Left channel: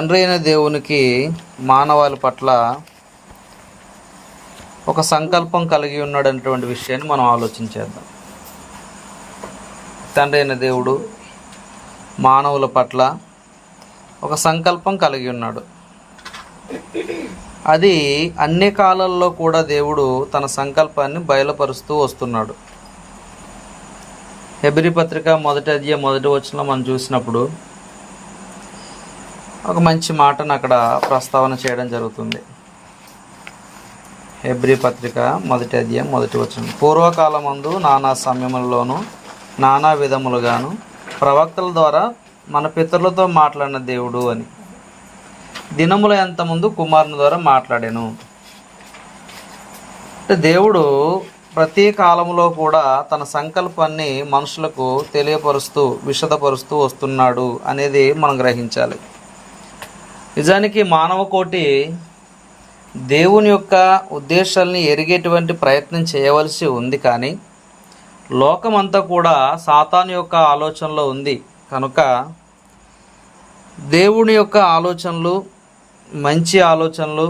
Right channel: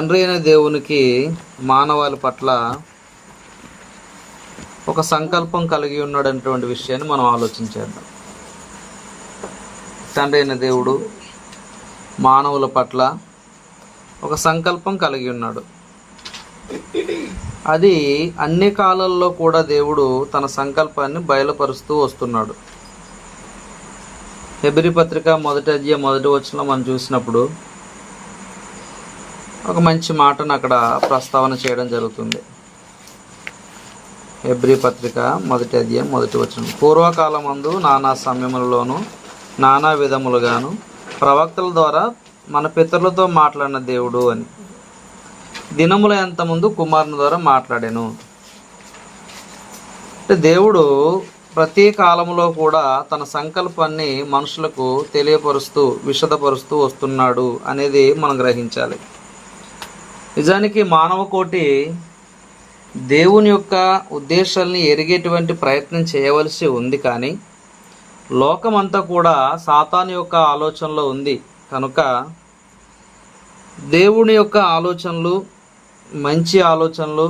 తండ్రి అయిన దేవునికి మానవాళి పట్ల ఒక సంకల్పం కలిగి ఉన్నాడనేటువంటి విషయాన్ని మనం ఆలోచించేద్దాం. తండ్రి అయిన దేవుడు మానవుల పట్ల ఒక సంకల్పం కలిగి ఉన్నాడు. అది అన్ని కాలాల్లో కూడా దేవుడు తన సంకల్పాన్ని బయలుపరుస్తూ వస్తున్నాడు. హెబ్రీ పత్రిక 1వ అధ్యాయం 1వ వచనంలో మనం చూసినప్పుడు ఒక మంచి మాటను అక్కడ ప్రస్తావన చేయడం జరుగుతుంది. హెబ్రీ పత్రిక 1వ అధ్యాయం 1వ వచనం, పూర్వకాలమందు నానా సమయములలోను నానా విధములుగాను ప్రవక్తల ద్వారా మన పితరులతో మాట్లాడిన దేవుడు అని దినముల ఎంత ముందు కుమారుని ద్వారా మాట్లాడాను. దేవుడు ప్రతి కాలంలో కూడా తన సంకల్పాన్ని మనుషులకు తెలియపరుస్తూ విశదపరుస్తూ వస్తున్నాడు అనేది మనం గ్రహించాలి. నిజానికి మానవ కోటి దేవుని యొక్క ఉద్దేశాలని ఎరిగేటువంటి ప్రయత్నం చేయవలసి ఉంది. కానీ లోకమంతా కూడా సాతాను యొక్క ఆలోచనలో ఉంది కనుక దేవుని యొక్క ఆలోచనలు, మంచి ఆలోచనలు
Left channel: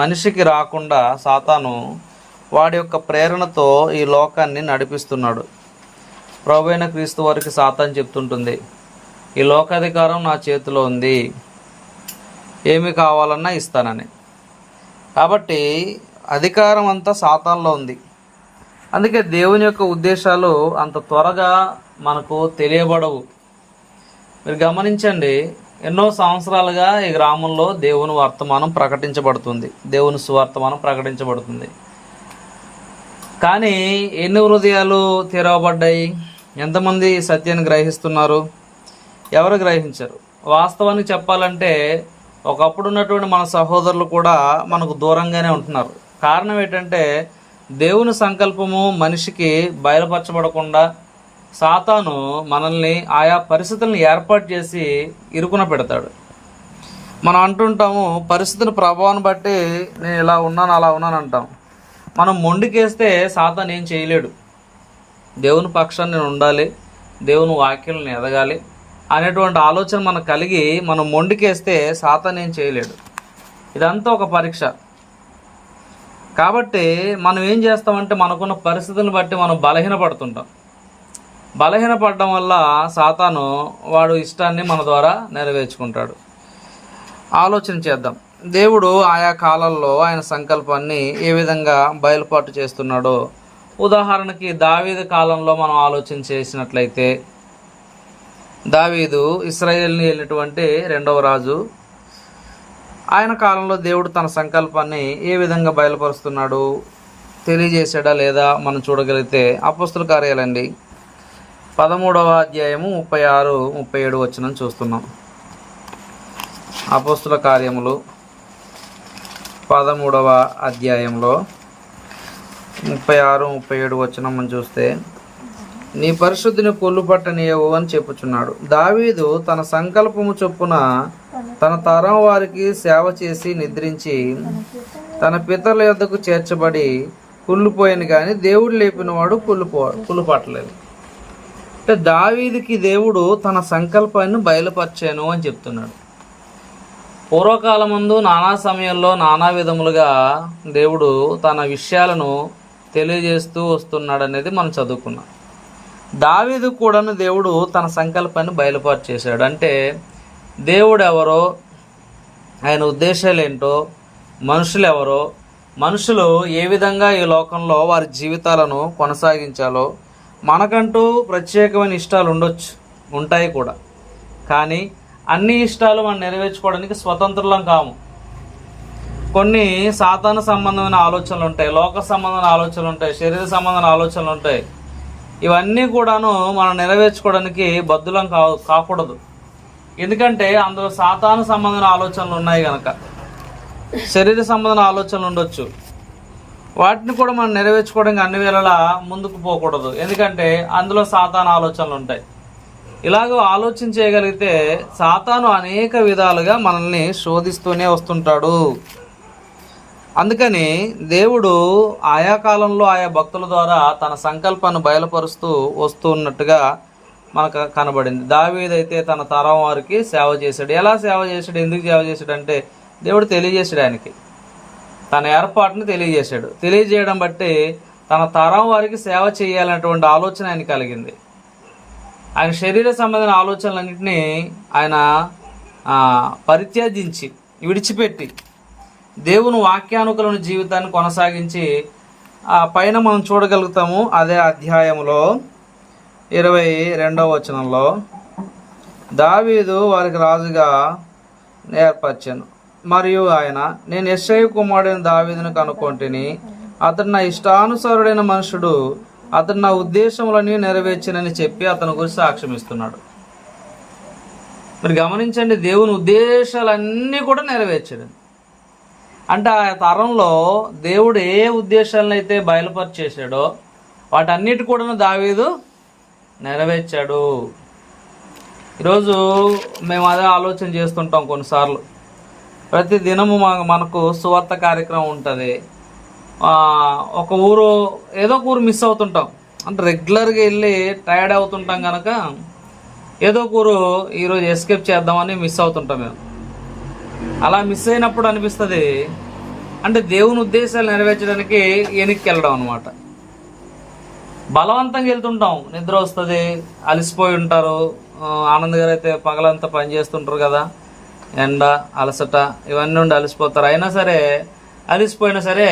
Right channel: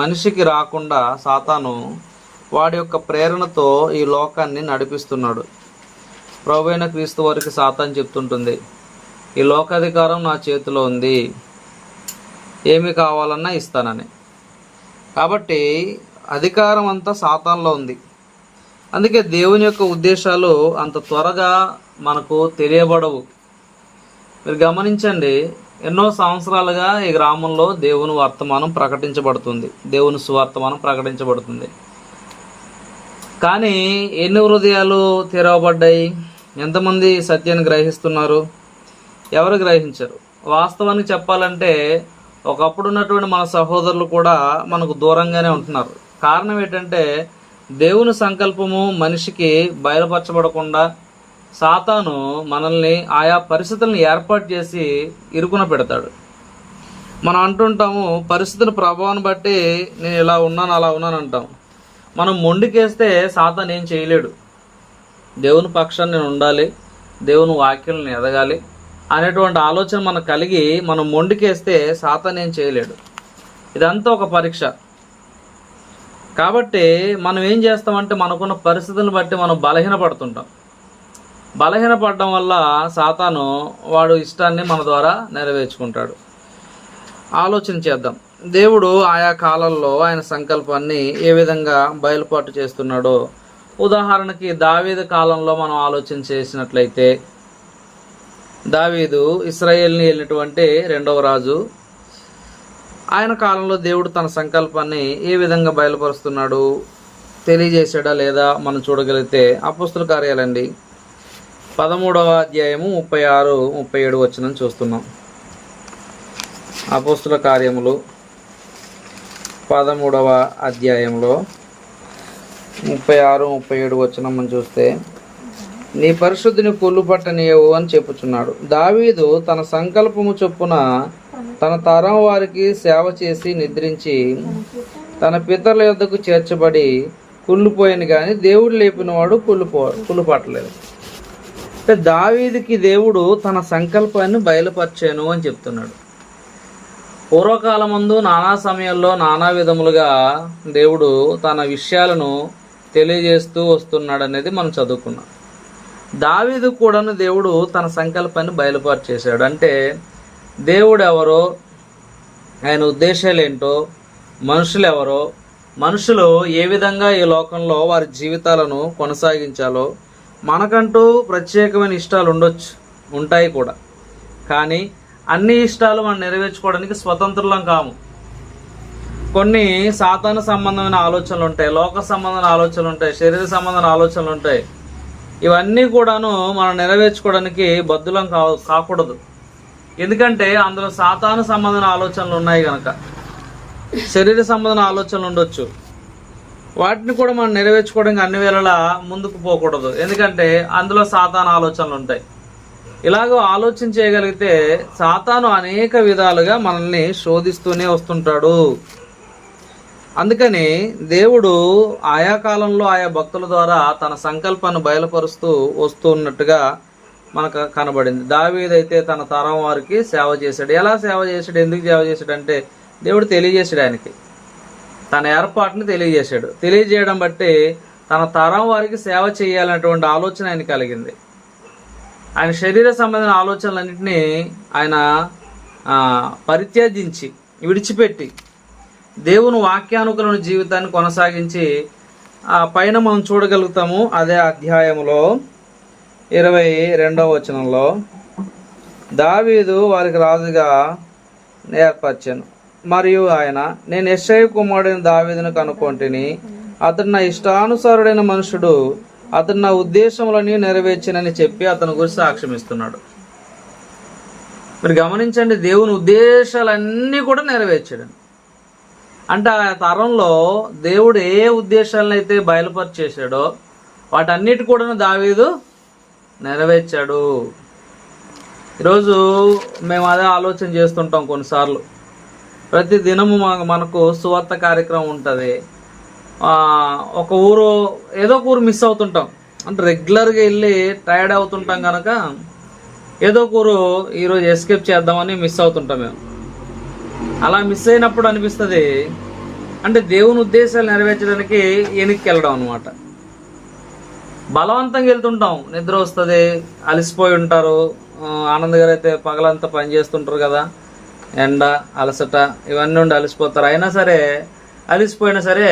మనిషికి రాకుండా సాతాను వాడి యొక్క ప్రేరణతో ఈ లోకాన్ని నడిపిస్తున్నాడు. ప్రభువైన క్రీస్తు వారికి సాతాను చెప్తుంటుంది, ఈ లోకాధికారం నా చేతిలో ఉంది, ఏమి కావాలన్నా ఇస్తానని. కాబట్టి అధికారం అంతా సాతానులో ఉంది. అందుకే దేవుని యొక్క ఉద్దేశాలు అంత త్వరగా మనకు తెలియబడవు. మీరు గమనించండి, ఎన్నో సంవత్సరాలుగా ఈ గ్రామంలో దేవుని వర్తమానం ప్రకటించబడుతుంది, దేవుని సువార్తమానం ప్రకటించబడుతుంది. కానీ ఎన్ని హృదయాలు తెరవబడ్డాయి? ఎంతమంది సత్యాన్ని గ్రహిస్తున్నారు? ఎవరు గ్రహించరు. వాస్తవానికి చెప్పాలంటే ఒకప్పుడు ఉన్నటువంటి మన సహోదరులు కూడా మనకు దూరంగానే ఉంటున్నారు. కారణం ఏంటంటే దేవుని సంకల్పము మనిషికి బయలుపరచబడకుండా సాతాను మనల్ని ఆయా పరిస్థితులను ఏర్పాటు చేసి ఇరుకున పెడతాడు. మనం అంటుంటాము, పరిస్థితుల ప్రభావాన్ని బట్టి నేను ఇలా ఉన్నాను అలా ఉన్నాను అంటాం. మనం మొండికేస్తే సాతాను ఏం చేయలేడు. దేవుని పక్షాన్ని నేను ఉండాలి, దేవుని వాక్యాలను ఎదగాలి అనేటువంటి ఆలోచన మనకు కలిగి మనం మొండికేస్తే సాతాను ఏం చేయలేడు. ఇదంతా ఒక పరీక్ష. కాబట్టి మనం ఏం చేస్తామంటే మనకున్న పరిస్థితులను బట్టి మనం బలహీనపడుతుంటాం. బలహీనపడడం వల్ల సాతాను వాడు ఇష్టాన్ని మన ద్వారా నెరవేర్చుకుంటాడు. ఆలోచన చేద్దాం, దేవుడు ఆయా కాలాల్లో ఆయన సంకల్పాన్ని ఏ విధంగా బయలుపాటు చేస్తున్నాడో. ఉదాహరణకి దావీదు కాలంలో మనం ఆలోచన చేసినట్లయితే, దావీదు ఇశ్రాయేల్ని వెళ్ళినటువంటి 2వ రాజు. ఆయన కాలంలో దేవుడు తన సంకల్పాన్ని ఏ విధంగా బయలుపరుస్తున్నాడు తెలియజేశాడా లేదా మనం చూడగలిగితే అపోస్తుల కార్యాలండి 13వ అధ్యాయము 36, 37 వచనం చూస్తున్నాం. అపోస్తుల కార్యములు 13వ అధ్యాయంలో 36, 37 వచనం మనం చూస్తే, నీ పరిశుద్ధిని పొల్లు పట్టనీయవు అని చెప్పుచున్నాడు. దావీదు తన సంకల్పము చొప్పున తన తరం వారికి సేవ చేసి నిద్రించి తన పితరుల యొద్దకు చేర్చబడి కుళ్ళిపోయాను, కానీ దేవుడు లేపినవాడు కుళ్ళుపట్టలేదు. అంటే దావీదుకి దేవుడు తన సంకల్పాన్ని బయలుపరిచాను అని చెప్తున్నాడు. పూర్వకాలమందు నానా సమయంలో నానా విధములుగా దేవుడు తన విషయాలను తెలియజేస్తూ వస్తున్నాడు అనేది మనం చదువుకున్నాం. దావీదు కూడాను దేవుడు తన సంకల్పాన్ని బయలుపాటు చేశాడు. అంటే దేవుడు ఎవరో, ఆయన ఉద్దేశాలు ఏంటో, మనుషులు ఎవరో, మనుషులు ఏ విధంగా ఈ లోకంలో వారి జీవితాలను కొనసాగించాలో. మనకంటూ ప్రత్యేకమైన ఇష్టాలు ఉంటాయి కూడా. కానీ అన్ని ఇష్టాలు మనం నెరవేర్చుకోవడానికి స్వతంత్రులం కాము. కొన్ని సాతాను సంబంధమైన ఆలోచనలు ఉంటాయి, లోక సంబంధమైన ఆలోచనలు ఉంటాయి, శరీర సంబంధమైన ఆలోచనలు ఉంటాయి. ఇవన్నీ కూడాను మనం నెరవేర్చుకోవడానికి బద్దులం కాకూడదు. ఎందుకంటే అందులో సాతాను సంబంధమైన ఆలోచనలు ఉన్నాయి కనుక. శరీర సంబంధమైన ఆలోచనలు ఉండొచ్చు, వాటిని కూడా మనం నెరవేర్చుకోవడానికి అన్ని వేళలా ముందుకు పోకూడదు. ఎందుకంటే అందులో సాతాను ఆలోచనలు ఉంటాయి. ఇలాగో ఆలోచన చేయగలిగితే సాతాను అనేక విధాలుగా మనల్ని శోధిస్తూనే వస్తుంటాడు. అందుకని దేవుడు ఆయా కాలంలో ఆయా భక్తుల ద్వారా తన సంకల్పాన్ని బయలుపరుస్తూ వస్తున్నట్టుగా మనకు కనబడింది. దావీదైతే తన తరం వారికి సేవ చేశాడు. ఎలా సేవ చేశాడు, ఎందుకు సేవ చేశాడు అంటే దేవుడు తెలియజేశాడు ఆయనకి, తన ఏర్పాటుని తెలియజేశాడు. తెలియజేయడం బట్టి తన తరం వారికి సేవ చేయాలన్నటువంటి ఆలోచన ఆయన కలిగింది. ఆయన శరీర సంబంధమైన ఆలోచనలన్నింటినీ ఆయన పరిత్యజించి విడిచిపెట్టి దేవుని వాక్యానుకూలమైన జీవితాన్ని కొనసాగించి పైన మనం చూడగలుగుతాము. అదే అధ్యాయంలో 22వ వచనంలో దావీదు వారికి రాజుగా ఏర్పరిచాను, మరియు ఆయన, నేను యెష్షయి కుమారుడైన దావీదును కనుకొంటిని, అతడు నా ఇష్టానుసారుడైన మనుషుడు, అతడు నా ఉద్దేశములని నెరవేర్చినని చెప్పి అతని గురించి సాక్ష్యం ఇస్తున్నాడు. మీరు గమనించండి, దేవుని ఉద్దేశాలన్నీ కూడా నెరవేర్చాడు. అంటే ఆ తరంలో దేవుడు ఏ ఉద్దేశాలను అయితే బయలుపరిచేశాడో వాటన్నిటి కూడా దావీదు నెరవేర్చాడు. ఈరోజు మేము అదే ఆలోచన చేస్తుంటాం. కొన్నిసార్లు ప్రతి దినము మనకు సువార్త కార్యక్రమం ఉంటుంది. ఒక ఊరు ఏదో ఒక ఊరు మిస్ అవుతుంటాం. అంటే రెగ్యులర్గా వెళ్ళి టైర్డ్ అవుతుంటాం కనుక ఏదో ఒక ఊరు ఈరోజు ఎస్కేప్ చేద్దామని మిస్ అవుతుంటాం మేము. అలా మిస్ అయినప్పుడు అనిపిస్తుంది అంటే దేవుని ఉద్దేశాలు నెరవేర్చడానికి వెనక్కి వెళ్ళడం అనమాట. బలవంతంగా వెళ్తుంటాం, నిద్ర వస్తుంది, అలసిపోయి ఉంటారు. ఆనంద్ గారు అయితే పగలంతా పని చేస్తుంటారు కదా, ఎండ అలసట ఇవన్నీ ఉండి అలసిపోతారు. అయినా సరే అలసిపోయినా సరే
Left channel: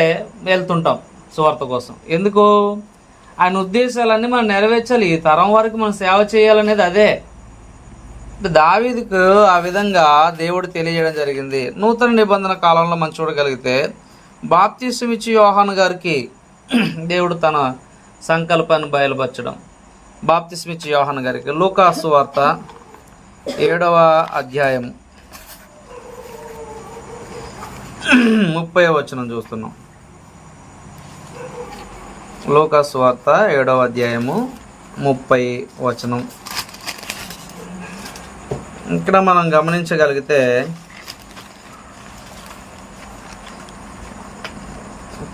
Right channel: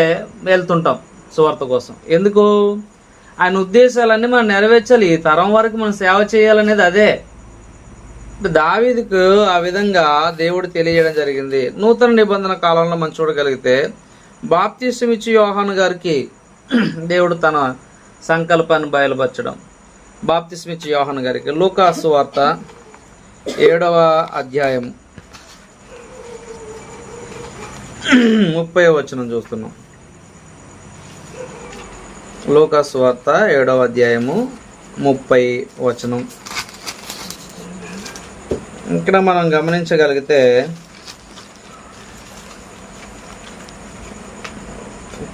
వెళ్తుంటాం సువార్త కోసం. ఎందుకు? ఆయన ఉద్దేశాలన్నీ మనం నెరవేర్చాలి, ఈ తరం వరకు మనం సేవ చేయాలనేది అదే. దావీదుకు ఆ విధంగా దేవుడు తెలియజేయడం జరిగింది. నూతన నిబంధన కాలంలో మనం చూడగలిగితే బాప్తిసం ఇచ్చి యోహాను గారికి దేవుడు తన సంకల్పాన్ని బయలుపరచడం. బాప్తిసం ఇచ్చి యోహాను గారికి లూకా సువార్త 7వ అధ్యాయం 30వ వచనం చూస్తున్నాం. లూకా సువార్త 7వ అధ్యాయము 30 వచనం. ఇక్కడ మనం గమనించగలిగితే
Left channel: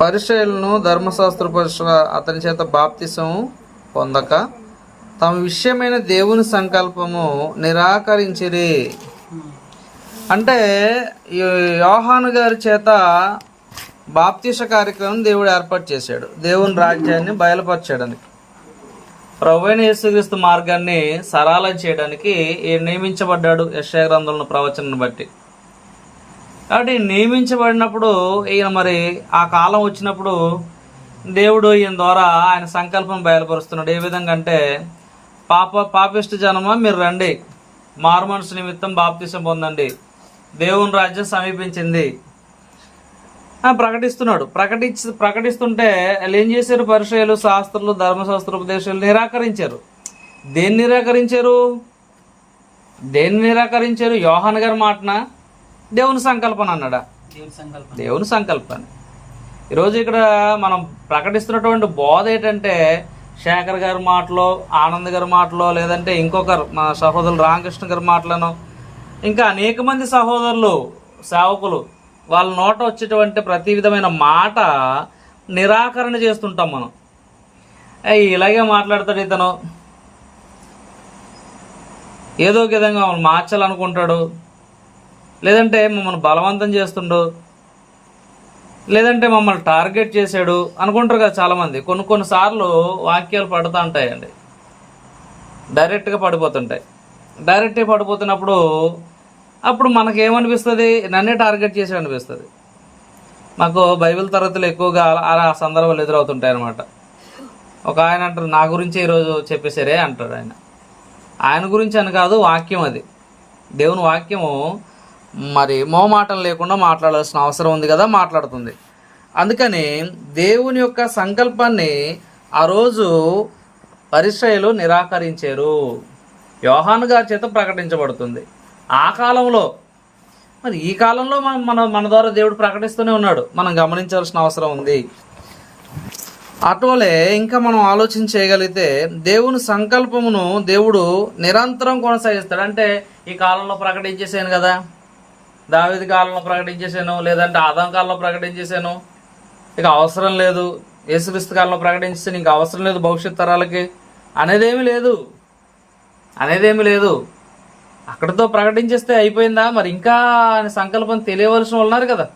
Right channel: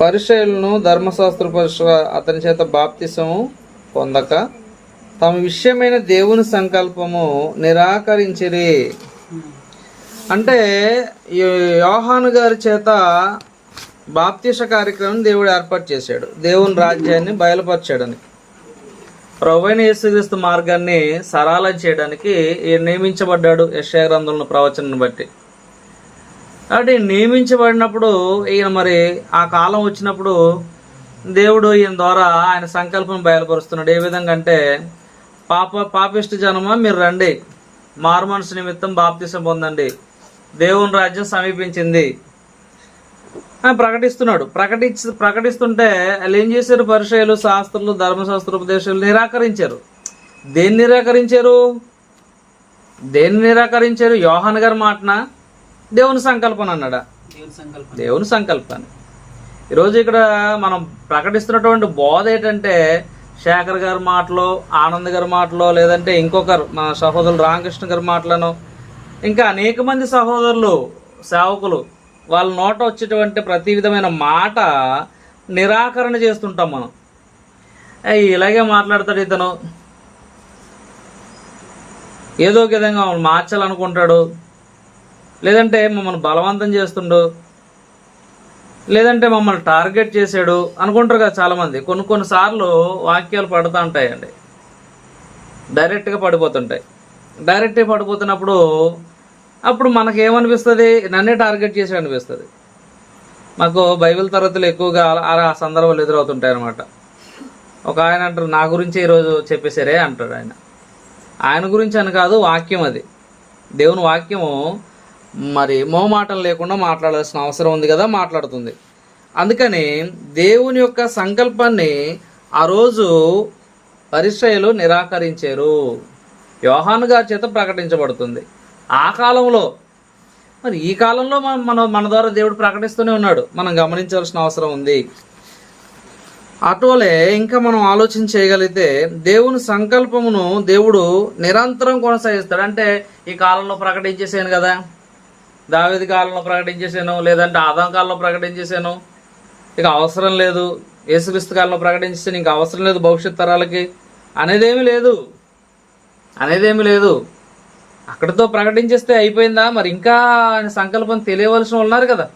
పరిసయ్యులను ధర్మశాస్త్ర పరుషుగా అతని చేత బాప్తిసము పొందక తమ విషయమైన దేవుని సంకల్పము నిరాకరించిరి. అంటే యోహాను గారి చేత బాప్తిస కార్యక్రమం దేవుడు ఏర్పాటు చేశాడు, దేవుని రాజ్యాన్ని బయలుపరచడానికి, ప్రభువైన యేసుక్రీస్తు మార్గాన్ని సరళం చేయడానికి నియమించబడ్డాడు. యెషయా గ్రంథంలో ప్రవచనాన్ని బట్టి. కాబట్టి నియమించబడినప్పుడు ఈయన మరి ఆ కాలం వచ్చినప్పుడు దేవుడు ఈయన ద్వారా ఆయన సంకల్పం బయలుపరుస్తున్నాడు. ఏ విధంగా అంటే పాపిష్టి జనమా మీరు రండి, మారు మనసు నిమిత్తం బాప్తిసం పొందండి, దేవుని రాజ్యం సమీపించింది ప్రకటిస్తున్నాడు. ప్రకటిస్తుంటే వాళ్ళు ఏం చేశారు? పరిసయ్యులు, శాస్త్రులు, ధర్మశాస్త్ర ఉపదేశాలు నిరాకరించారు. దేన్ని నిరాకరించారు? యోహాను గారి మాటన దేవుని సంకల్పం అన్నాడా? దేవుని సంకల్పాన్ని. ఈరోజు ఇక్కడ మనం ప్రకటిస్తున్నటువంటి బోధ ఏంటంటే శేఖర్ గారి మాటలో, ఆనంద్ గారి మాటలో, లేదంటే ఇంకొకరు మన సహోదరులు రామకృష్ణ గారి మాటలను, ఇంకా అనేక మంది సహోదరులు సేవకులు వాళ్ళ నోట వచ్చేటువంటి ప్రతి విధమైన మాట నిరాకరణ చేస్తుంటాం మనం. ఇలాగే మాట్లాడతాడు ఇతను, ఏదో ఒక విధంగా మమ్మల్ని మార్చాలనుకుంటాడు, లేదంటే మమ్మల్ని బలవంతం చేస్తుండు, లేదంటే మమ్మల్ని టార్గెట్ చేశాడు అనుకుంటారు కదా చాలామంది. కొన్నిసార్లు వాక్యాలు పడుతూ ఉంటాయండి, డైరెక్ట్గా పడిపోతున్నప్పుడు అప్పుడు మనకేమనిపిస్తుంది? నన్నే టార్గెట్ చేసి అనిపిస్తుంది. మాకు బైబిల్ తరగతులు ఎక్కువగా ఆ సందర్భాలు ఎదురవుతుంటాయి అనమాట. ఒక ఆయన అంటారు, నా గురించి ఈరోజు చెప్పేశారే అంటాడు. ఆయన గురించి అని కాదు, వాక్యం అది, దేవుని వాక్యము మరి మోమాటం లేకుండా మాట్లాడాల్సిన అవసరం ఉంది కదా, మాట్లాడుతుంది. అందుకని దేవుని యొక్క సంకల్పాన్ని ఆ రోజు పరిసయ్యులు నిరాకరించారు. యోహాను గారి చేత ప్రకటించబడుతుంది ఆ కాలంలో. మరి ఈ కాలంలో మన ద్వారా దేవుడు ప్రకటిస్తూనే ఉన్నాడు, మనం గమనించాల్సిన అవసరం ఉంది. అటువలే ఇంకా మనం ఆలోచన చేయగలిగితే దేవుని సంకల్పమును దేవుడు నిరంతరం కొనసాగిస్తాడు. అంటే ఈ కాలంలో ప్రకటించేసాను కదా, దావీదు కాలంలో ప్రకటించేసాను, లేదంటే ఆదాం కాలంలో ప్రకటించేసాను, ఇక అవసరం లేదు, యేసుక్రీస్తు కాలంలో ప్రకటించేసాను, ఇంకా అవసరం లేదు భవిష్యత్ తరాలకి అనేదేమీ లేదు. అనేదేమీ లేదు. అక్కడితో ప్రకటించేస్తే అయిపోయిందా? మరి ఇంకా ఆయన సంకల్పం తెలియవలసిన వాళ్ళు ఉన్నారు కదా.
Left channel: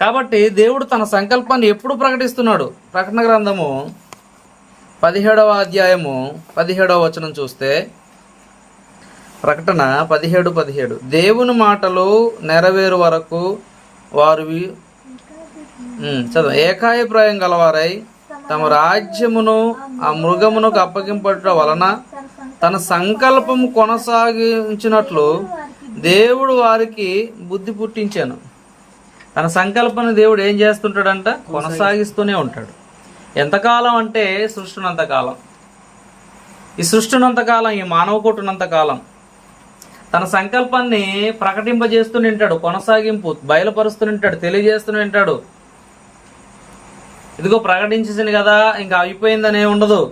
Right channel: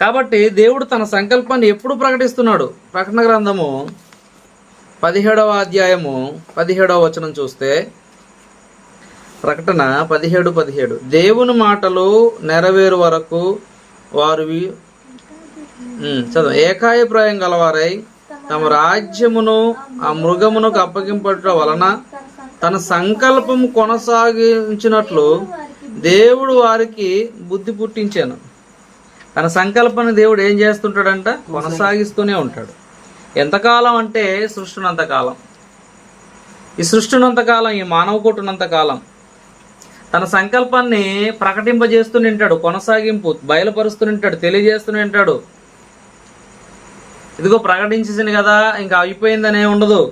కాబట్టి దేవుడు తన సంకల్పాన్ని ఎప్పుడు ప్రకటిస్తున్నాడు? ప్రకటన గ్రంథము 17వ అధ్యాయము 17వ వచనం చూస్తే, ప్రకటన 17:17 దేవుని మాటలు నెరవేరు వరకు వారు చదువు ఏకాభిప్రాయం గలవారై తమ రాజ్యమును ఆ మృగమునకు అప్పగింపట వలన తన సంకల్పము కొనసాగించినట్లు దేవుడు వారికి బుద్ధి పుట్టించాను. తన సంకల్పాన్ని దేవుడు ఏం చేస్తుంటాడంట? కొనసాగిస్తూనే ఉంటాడు. ఎంతకాలం అంటే సృష్టినంతకాలం, ఈ సృష్టినంతకాలం, ఈ మానవ కోటునంతకాలం తన సంకల్పాన్ని ప్రకటింపజేస్తూనే ఉంటాడు, కొనసాగింపు బయలుపరుస్తూనే ఉంటాడు, తెలియజేస్తూనే ఉంటాడు. ఇదిగో ప్రకటించేసింది కదా, ఇంకా అయిపోయిందనే ఉండదు.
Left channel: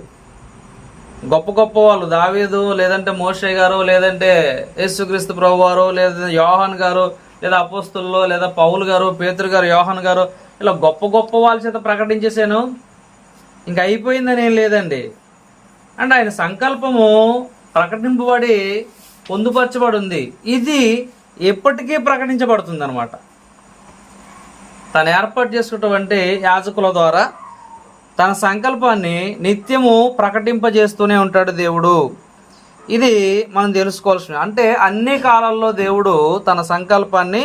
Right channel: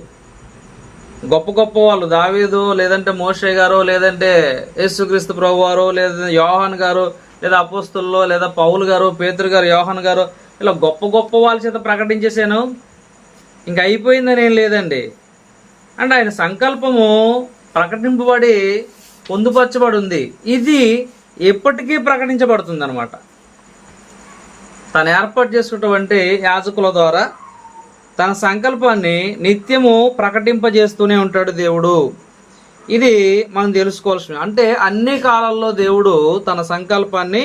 గొప్ప గొప్ప వాళ్ళు దావీదు, లేదంటే మోషే గారు, లేదంటే యేసుక్రీస్తు ప్రభు వారు, లేదా యోహాన్ గారు, లేదా అపోస్తుల్లో, లేదా పౌలు గారు, పేతురు గారు, యోహాన్ గారు, ఇలా గొప్ప గొప్ప వాళ్ళ చేత ప్రకటించేసాను, ఇంకా అయిపోయిందని ఏం లేదండి. అంటే ఆయన సంకల్పము ప్రకటింపబడి పొందుపరచబడి ఉంది. ఇది ఎప్పటికీ ప్రకటించబడుతుంది అనమాట. తను ఏర్పాటు చేసుకున్నటువంటి యాజకుల ద్వారా తన సంకల్పాన్ని నిత్యము ప్రకటింపజేస్తూనే ఉంటాడు దేవుడు. ఇది మనం తెలుసుకోవాల్సిన, అంటే అన్ని కాలాల్లో దేవుడు తన సంకల్పాన్ని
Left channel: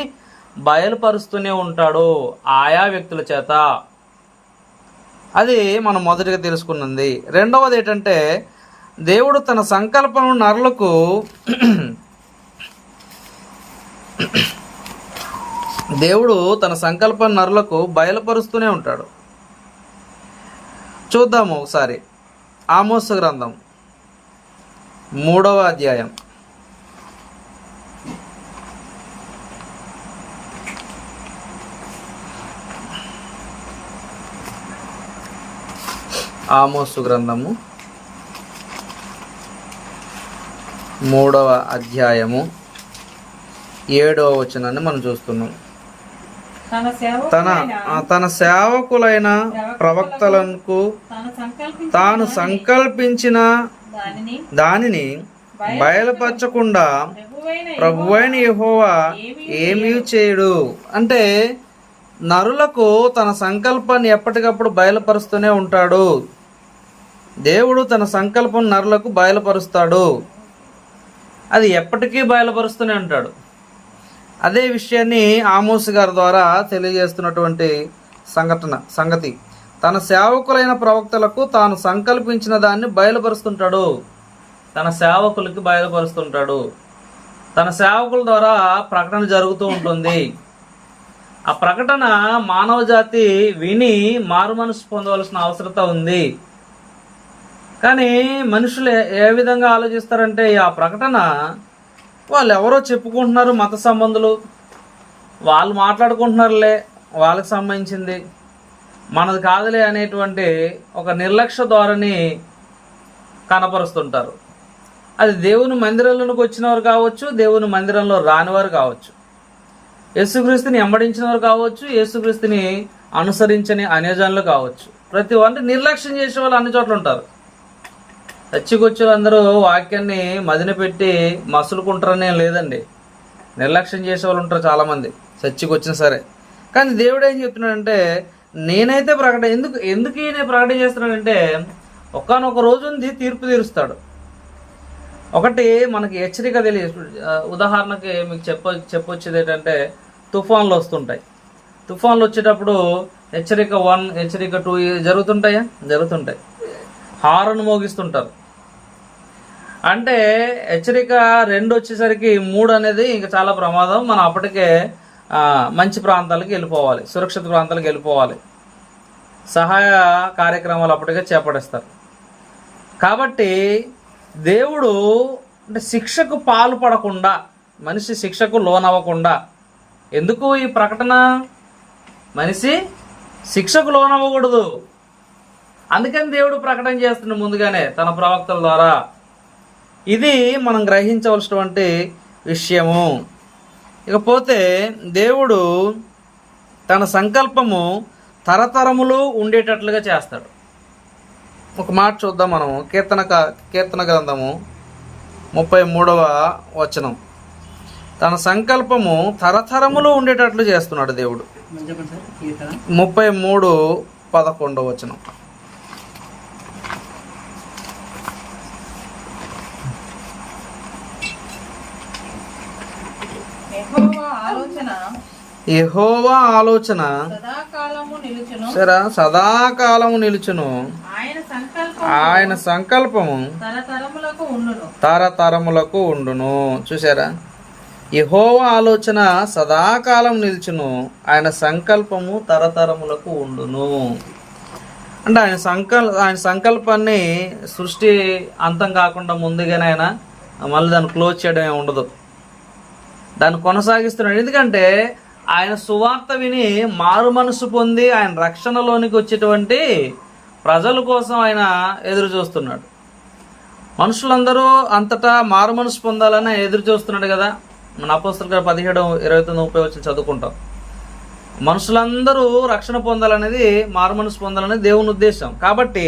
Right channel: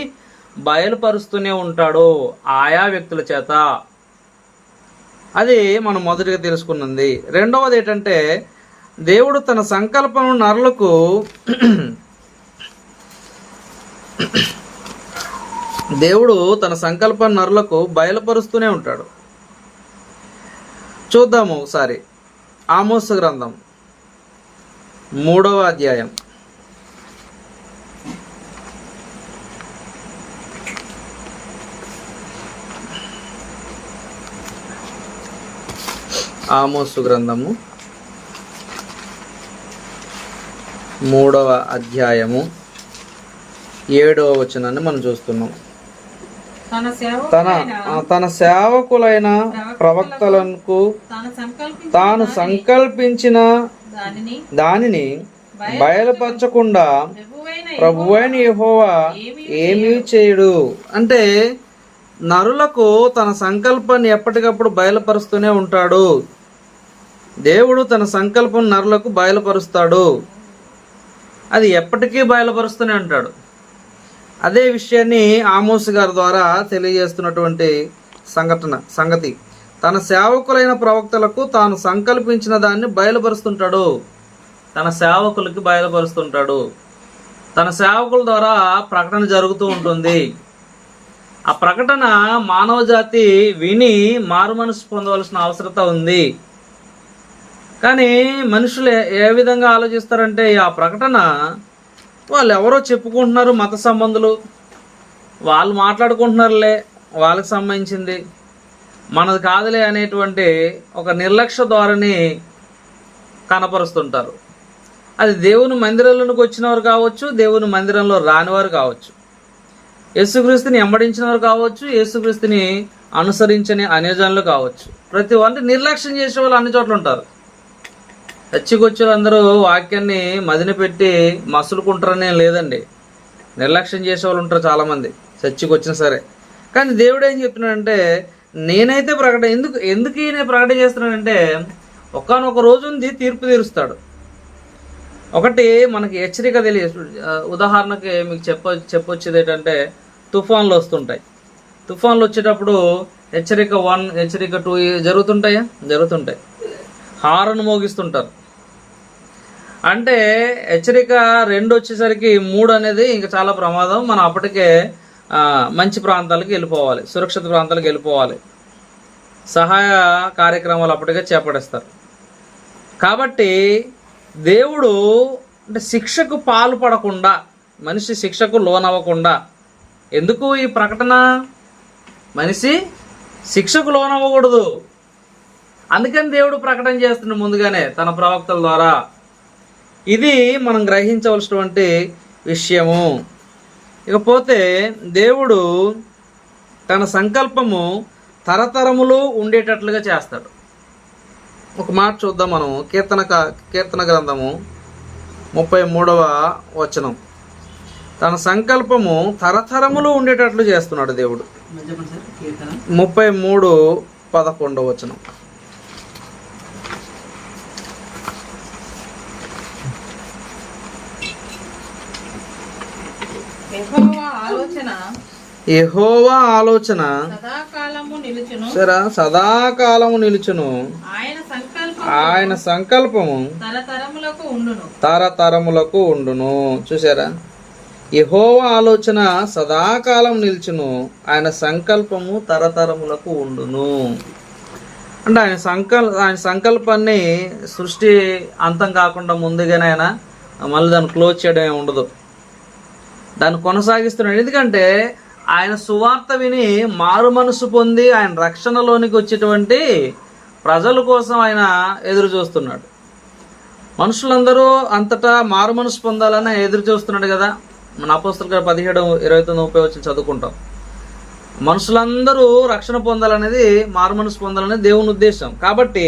బయలుపరుస్తూనే ఉంటాడు ఆయా వ్యక్తుల చేత. అది మనం మొదటిగా తెలుసుకున్నది. రెండవది ఏంటంటే, దేవుడు తన సంకల్పం నరులకు దేవుడు తన సంకల్పం నరులకు బయలుపరుస్తూనే ఉంటాడు. చూద్దాము ఒకసారి ఆమోసు గ్రంథం 3వ అధ్యాయం. ఆమోసు గ్రంథము 3వ అధ్యాయము 7వ వచనాన్ని మనం చూస్తున్నాం. తన సేవకులైన ప్రవక్తలకు తాను సంకల్పించిన దానిని బయలుపరచకుండా ప్రభువైన యెహోవా ఏమీ చేయడు. అంటే నరులకు తన సంకల్పాన్ని ఎప్పటికప్పుడు బయలుపరుస్తూనే ఉంటాడు. దేవుడు తన సంకల్పం నరులకు బయలుపరుస్తాడు. అది ఎప్పటికీ బయలుపరుస్తూనే ఉంటాడు. అదే విషయాన్ని ఆమోసు గారి ద్వారా తెలియజేస్తున్నటువంటి సంగతి తన సేవకులైన ప్రవక్తలకు తాను సంకల్పించిన దాన్ని బయలుపరుస్తుంటాడు. తన సేవకులకి బయలుపరుస్తుంటాడు. తన సేవకుల ద్వారా ప్రకటన జరుగుతూ ఉంటుంది. ఆ ప్రకటన మానవ జాతి విని మారు మనసు పొందవలసిన అవసరత ఉంది. కానీ మనుషులు ఏ విధంగా ఆలోచిస్తారంటే, ఆ ప్రకటన వాళ్ళు ఎవరో చెప్పుకుంటున్నారు, మత సంబంధులు వాళ్ళు మాట్లాడుకుంటున్నారులే, వాళ్ళకి సంబంధించింది, మనది కాదులే అనేటువంటి ఒక నిర్లక్ష్య ధోరణి కనపరుస్తుంటారు. అది దేవుని మందిరంలోకి వచ్చినవారు కావచ్చు, దేవుని మందిరంలో రానివారు కావచ్చు, యేసుక్రీస్తుని వెంబడించినవారు కావచ్చు, యేసుక్రీస్తుని అనుసరించని అన్యజనులు కావచ్చు. ప్రతి వారిని నిర్లక్ష్యం చేసే వాళ్ళు అన్ని చోట్ల ఉంటారు. చచ్చికొచ్చులు అందరూ వాక్యాన్ని మదిన పెట్టి మసులుకుంటారనే లేదండి. నిర్లక్ష్యం చేసే వాళ్ళు ఉంటారు చాలామంది, చచ్చికొచ్చినా సరే. కానీ దేవుడు ఏం చెప్తున్నాడంటే, నేనైతే ఎందుకు ఈయన ప్రకటన చేస్తున్నాడంటే, ఒకానొక రోజు ఉంది, తీర్పు తీరుస్తాడు. ఒకటి మనకి హెచ్చరిక ఉదాహరణకి మీకు చెప్పొచ్చేది ఏంటంటే, తుఫాన్లు వస్తుంటాయి. తుఫాన్లు వచ్చేటప్పుడు హెచ్చరిక 1, హెచ్చరిక 2 జరుగుతుంటాయి. హారన్ మోగిస్తుంటారు. అంటే హెచ్చరిక 2 వచ్చేసరికి 3 అనేది ఇంకా చాలా ప్రమాదం. మనం అప్పటికే మంచి ప్రాంతాలకు వెళ్ళిపోవాలి, సురక్షిత ప్రాంతాలకు వెళ్ళిపోవాలి. సహాయ కార్యక్రమాలు అప్పటికే చేపడేస్తారు. కాబట్టి దేవుడు అంటే శిక్షకు పాల్పడకుండా, మనిషి శిక్షకు లోనవ్వకుండా, ఎందుకు ఈ ప్రకటన? మనిషి శిక్షకు లోనవ్వకూడదు. అందుకని దేవుడు ప్రకటన చేస్తున్న ముందుగానే తన ప్రవక్తల ద్వారా. ఇది మనం గ్రహించవలసినటువంటి విషయము. ఇకపోతే దేవుడు తన సంకల్పము తరతరములు ఉండేటట్లుగా చేస్తాడు. ఒక మాట చూద్దాం మనం. కీర్తన గ్రంథము 33వ వచనం. తన సంకల్పము తరతరములు ఉండేటట్లు చేస్తున్నాడు దేవుడు. 33:11 వచనం. యెహోవా ఆలోచన సదాకాలము నిలుచును, ఆయన సంకల్పము తరతరములకు ఉండును. చూసారా, యెహోవా ఆలోచన సదాకాలం నిలుచును, ఆయన సంకల్పము తరతరములకు ఉండును. అంటే ఆయన సంకల్పాన్ని సృష్టి అంతం కాకుండా ముందుగానే ఆయన మళ్ళీ దాన్ని క్లోజ్ చేయడం ఉండదు, దాన్ని కొనసాగిస్తున్నాడు. ఎందుకంటే ఆయన సువార్త విని మారు మనసు పొంది ఆయన రక్షణలోనికి వచ్చేటువంటి ప్రజల కోసం ఆయన ఎదురు చూస్తున్నాడు. మనుషులందరూ అంతటా మారు మనసు పొందాలని ఆయన ఎదురు చూస్తున్నాడు కదా. మన అపోస్తలుల 17:29 చదువుకుంటాం. మనుషులందరూ రక్షణ పొందాలనేది, మారు మనసు పొందాలనేది దేవుని ఉద్దేశం. కాబట్టి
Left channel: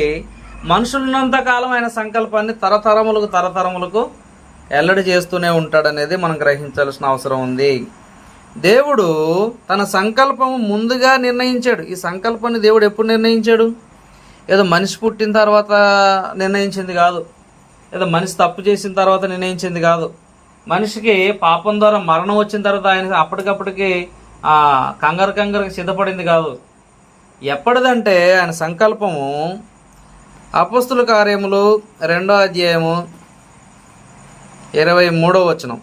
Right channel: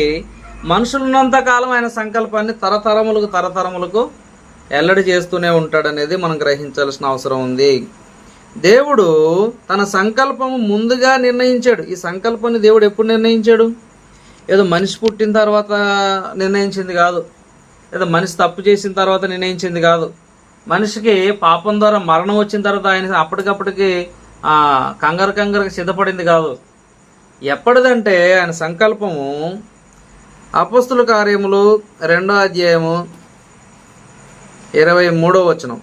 మనుషులున్నంత కాలం ఆయన సంకల్పాన్ని తరతరములకు ఎల్లడి చేస్తూనే ఉంటాడనేది మనం గ్రహించాల్సిన అవసరం ఉంది. దేవుడు తన సంకల్పము ముందుగా నిర్ణయించాడు. ఈ సంకల్పాన్ని దేవుడు ఎప్పుడు నిర్ణయించాడు? ఏదో మనిషి పుట్టిన తర్వాత నిర్ణయించింది కాదు, ఏదో మనిషి తప్పు చేసిన తర్వాత నిర్ణయించింది కాదు. మనిషికి పాపం ద్వారా మరణం వచ్చిన తర్వాత ఆయన అప్పటికప్పటికి కంగారు సిద్ధపడింది కాదు. ఎప్పటిదంటే ఆయన సంకల్పము అపోస్తుల కార్యములు 2వ అధ్యాయము 23వ వచనం.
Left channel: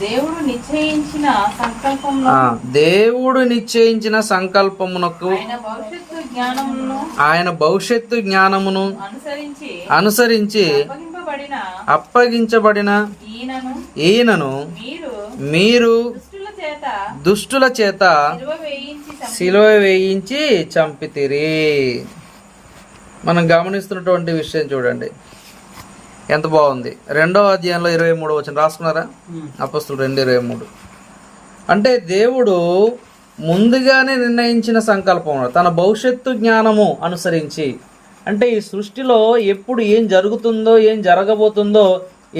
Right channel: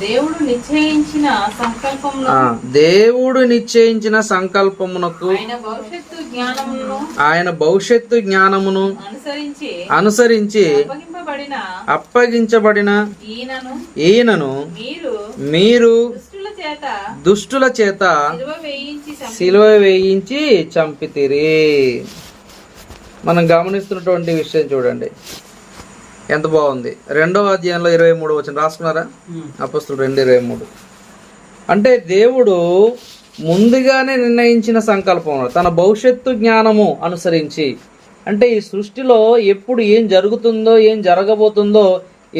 దేవుడు నిశ్చయించిన సంకల్పమునకు ఆయన భవిష్యత్తు జ్ఞానమును అనుసరించి అప్పగించబడిన ఈయనను మీరు దుష్టుల చేత సిలువ వేయించి చంపితిరి. మనం గమనిస్తున్నటువంటి విషయం చూడండి, ఎంత బాగుంది. 2వ అధ్యాయంలో 23వ వచనం రాసుకున్నారా? అపోస్తలులు 2:23. అంటే దేవుడు ముందుగానే నిర్ణయించిన సంకల్పం, తన భవిష్యత్తు జ్ఞానము అనుసరించి, అంటే ఈ సృష్టిలో ఎప్పుడు ఏం జరుగుతుందో ఏం జరగబోతుందో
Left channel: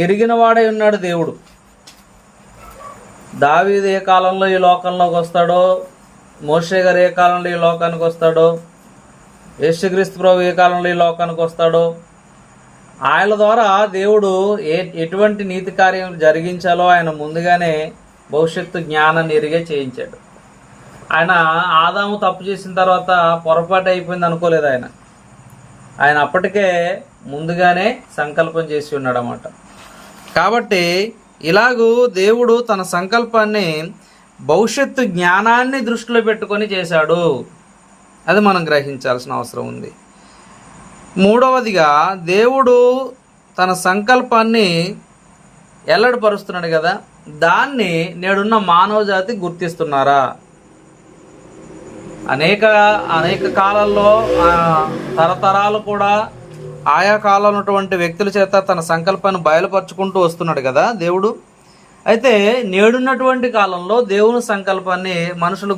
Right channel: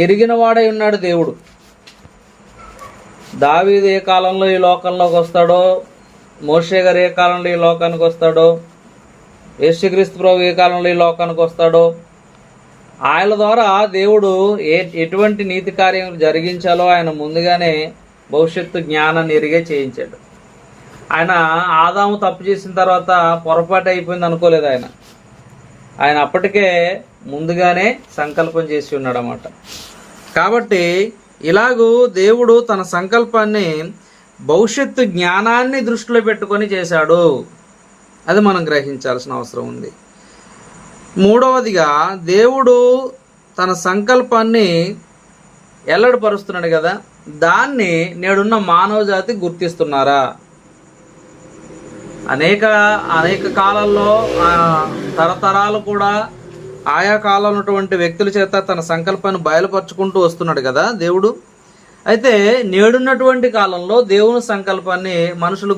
ఎరిగిన వాడై ఉన్నాడు దేవుడు. దావీదు ఏ కాలంలో ఈ లోకంలోకి వస్తాడో, మోషే గారు ఏ కాలంలో ఈ లోకానికి వస్తాడో, యేసుక్రీస్తు ప్రభు ఏ కాలంలో ఈ లోకానికి వస్తాడో, ఆయన ద్వారా దేవుడు ఎటువంటి నీతి కార్యం జరిగించాలో ఆయన ముందుగానే భవిష్యత్తు జ్ఞానాన్ని ఎరిగే చేయించాడు. ఆయన ఆదాము తప్పు చేసిన తర్వాత పొరపాటు అయిపోయింది అనుకోలేదు. ఆయన అప్పటికే ముందుగానే సంకల్పం చేసి ఉన్నాడు అన్నమాట. కాబట్టి ఇలాగూ దేవుడు తన సంకల్పాన్ని భవిష్యత్తు జ్ఞానాన్ని దృష్టిలో పెట్టుకొని చేశాడు. అది మనం గ్రహించాల్సిన అవసరం ఉంది. 3వదిగా దేవుడు తన సంకల్పాన్ని ఎల్లడిపరుస్తున్నాడు కదా, దాన్ని నేడున్న మానవ జాతి గుర్తిస్తున్నారా? అనేక కాలాల్లో తరతరాలు కూడా ఆయా కాలంలో ఉన్నటువంటి వ్యక్తుల చేత తన సంకల్పాన్ని బయలుపరుచుకుంటూ వస్తున్నాడు కదా దేవుడు. అయితే నేడున్నటువంటి కాలంలో దేవుని సంకల్పాన్ని మనుషులు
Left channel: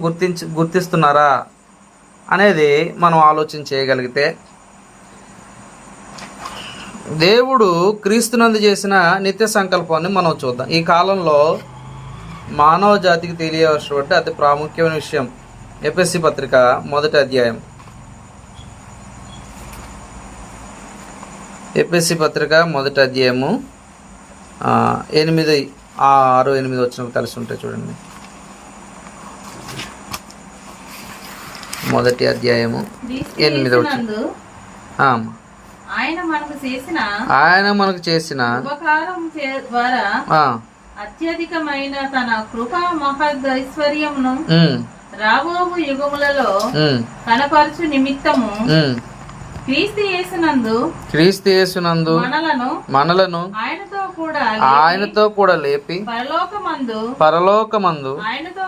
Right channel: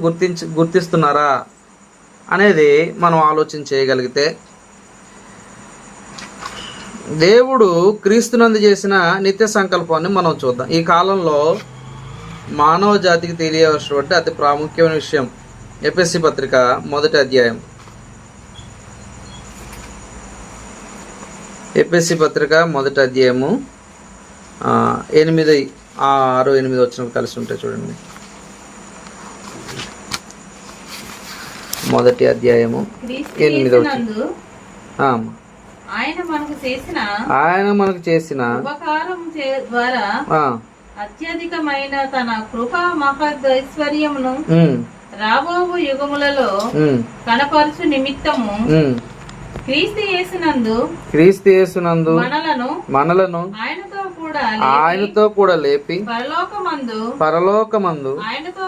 గుర్తిస్తున్నారా అనేది మనం ఆలోచన చేయగలిగితే, దేవుడు క్రీస్తునందు చేసిన నిత్య సంకల్పాన్ని మనం చూద్దాం. ఈ కాలంలో మానవ జాతికి తెలియవలసినటువంటి అతి ప్రాముఖ్యమైన విషయం ఎఫెసీ పత్రిక 1వ అధ్యాయం. ఎఫెసీ పత్రిక 1వ అధ్యాయము 6, 8 వచనాలు కలిసి ఉంటాయి చూడండి. 1వ అధ్యాయము 8వ వచనం. ఆయన మనకు చేసిన ఉపకారం ద్వారా అత్యధికమైన తన కృపా మహదైశ్వర్యమును రాబో యుగములలో కనపరచు నిమిత్తము క్రీస్తు యేసునందు మనలను ఆయనతో కూడా లేపి పరలోకమందు ఆయనతో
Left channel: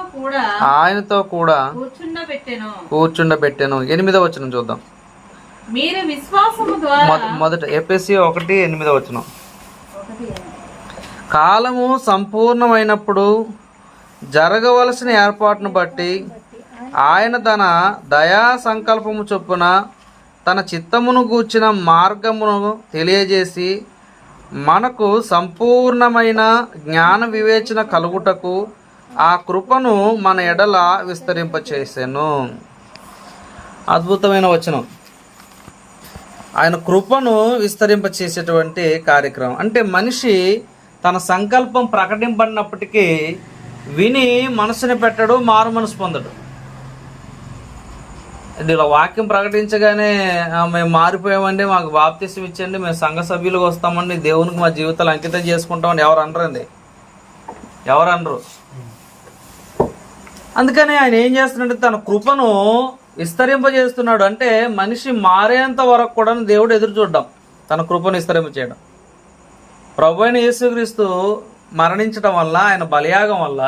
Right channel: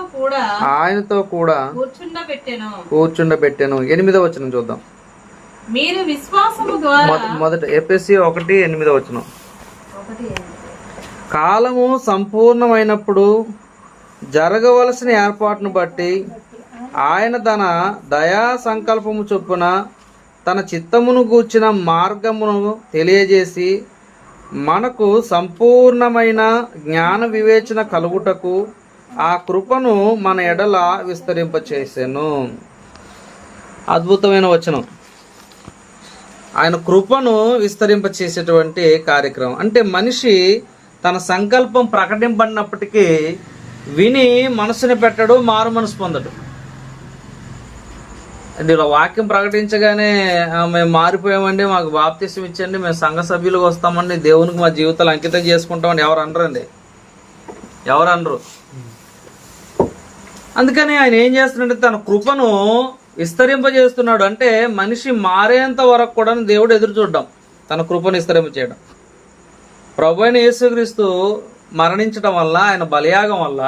కూడా కూర్చుండబెట్టెను. 8వ వచనం చూద్దాం. మీరు విశ్వాసము ద్వారా మొదట ఎఫెసీ 1:8 వచనం. కాలము సంపూర్ణమైనప్పుడు జరగవలసిన ఏర్పాటును బట్టి ఆయన తన దయా సంకల్పము చొప్పున తన చిత్తమును గూర్చిన మార్గమును తెలియజేసి మనకు సంపూర్ణమైన జ్ఞాన వివేచన కలుగుటకు ఆ కృపను మన ఎడల విస్తరింపచేసెను. అద్భుతమైన వచనం. ఆయన కృపను విస్తరింపచేసేటువంటి కార్యక్రమం. అంటే మనిషి తన సంకల్పం ప్రకటింపడినప్పటికీ విని మనసుని పెట్టడు, మారు మనసు పొందడు. ఇలా వాక్యం ప్రకటించగానే మేము మారిపోయామండి, మాకు బాప్తిసం ఇచ్చండి, మేము సంఘ సభ్యులకు వస్తామండి, దేవునికి మా జీవితాలు అంకితం చేసుకుంటామండి ఎవరు అనరండి, ఎవరు అనరు. అందుకని ఆయన ఏం చేస్తున్నాడంటే తన కృపను విస్తరింపజేస్తున్నాడు. అంటే మనిషి మారేంత వరకు కూడా దేవుడు ఎదురు చూడడం, తన కృపను విస్తరింపచేయడం. ప్రభు అయిన యేసుక్రీస్తు మరణించడం వల్ల, ఆయన బలియాగం వల్ల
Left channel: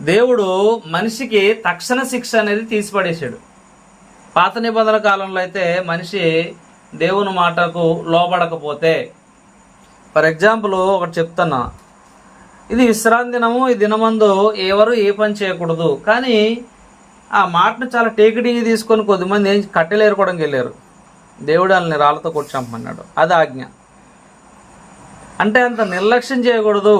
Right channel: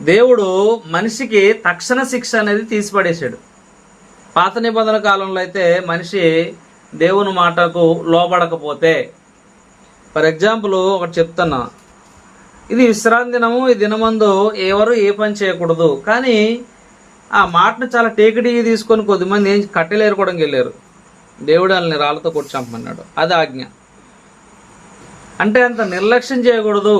దేవుడు మనిషికి తక్షణ శిక్ష అనేది తీసిపడేశాడు. పాత నిబంధన కాలంలో అయితే మనిషి దేవుని మాటకు లోబడకపోతే, ఫర్ ఎగ్జాంపుల్ ఒకటి చెప్తున్నా, ఇది విశ్రాంతి దినము, ఈ దినమందు ఎవరు ఏ పని చేయకూడదు. కానీ ఆ మాటను చాలా టేకిడీ తీసుకొని కొద్దిమంది ఏం కట్టెలు ఏరుకోవడానికి వెళ్ళారు. దేవుడు వాళ్ళని రాళ్ళతో కొట్టి చంపమన్నాడు. అది ఆజ్ఞ. అంటే అంత నిర్లక్ష్యం చేయకూడదు.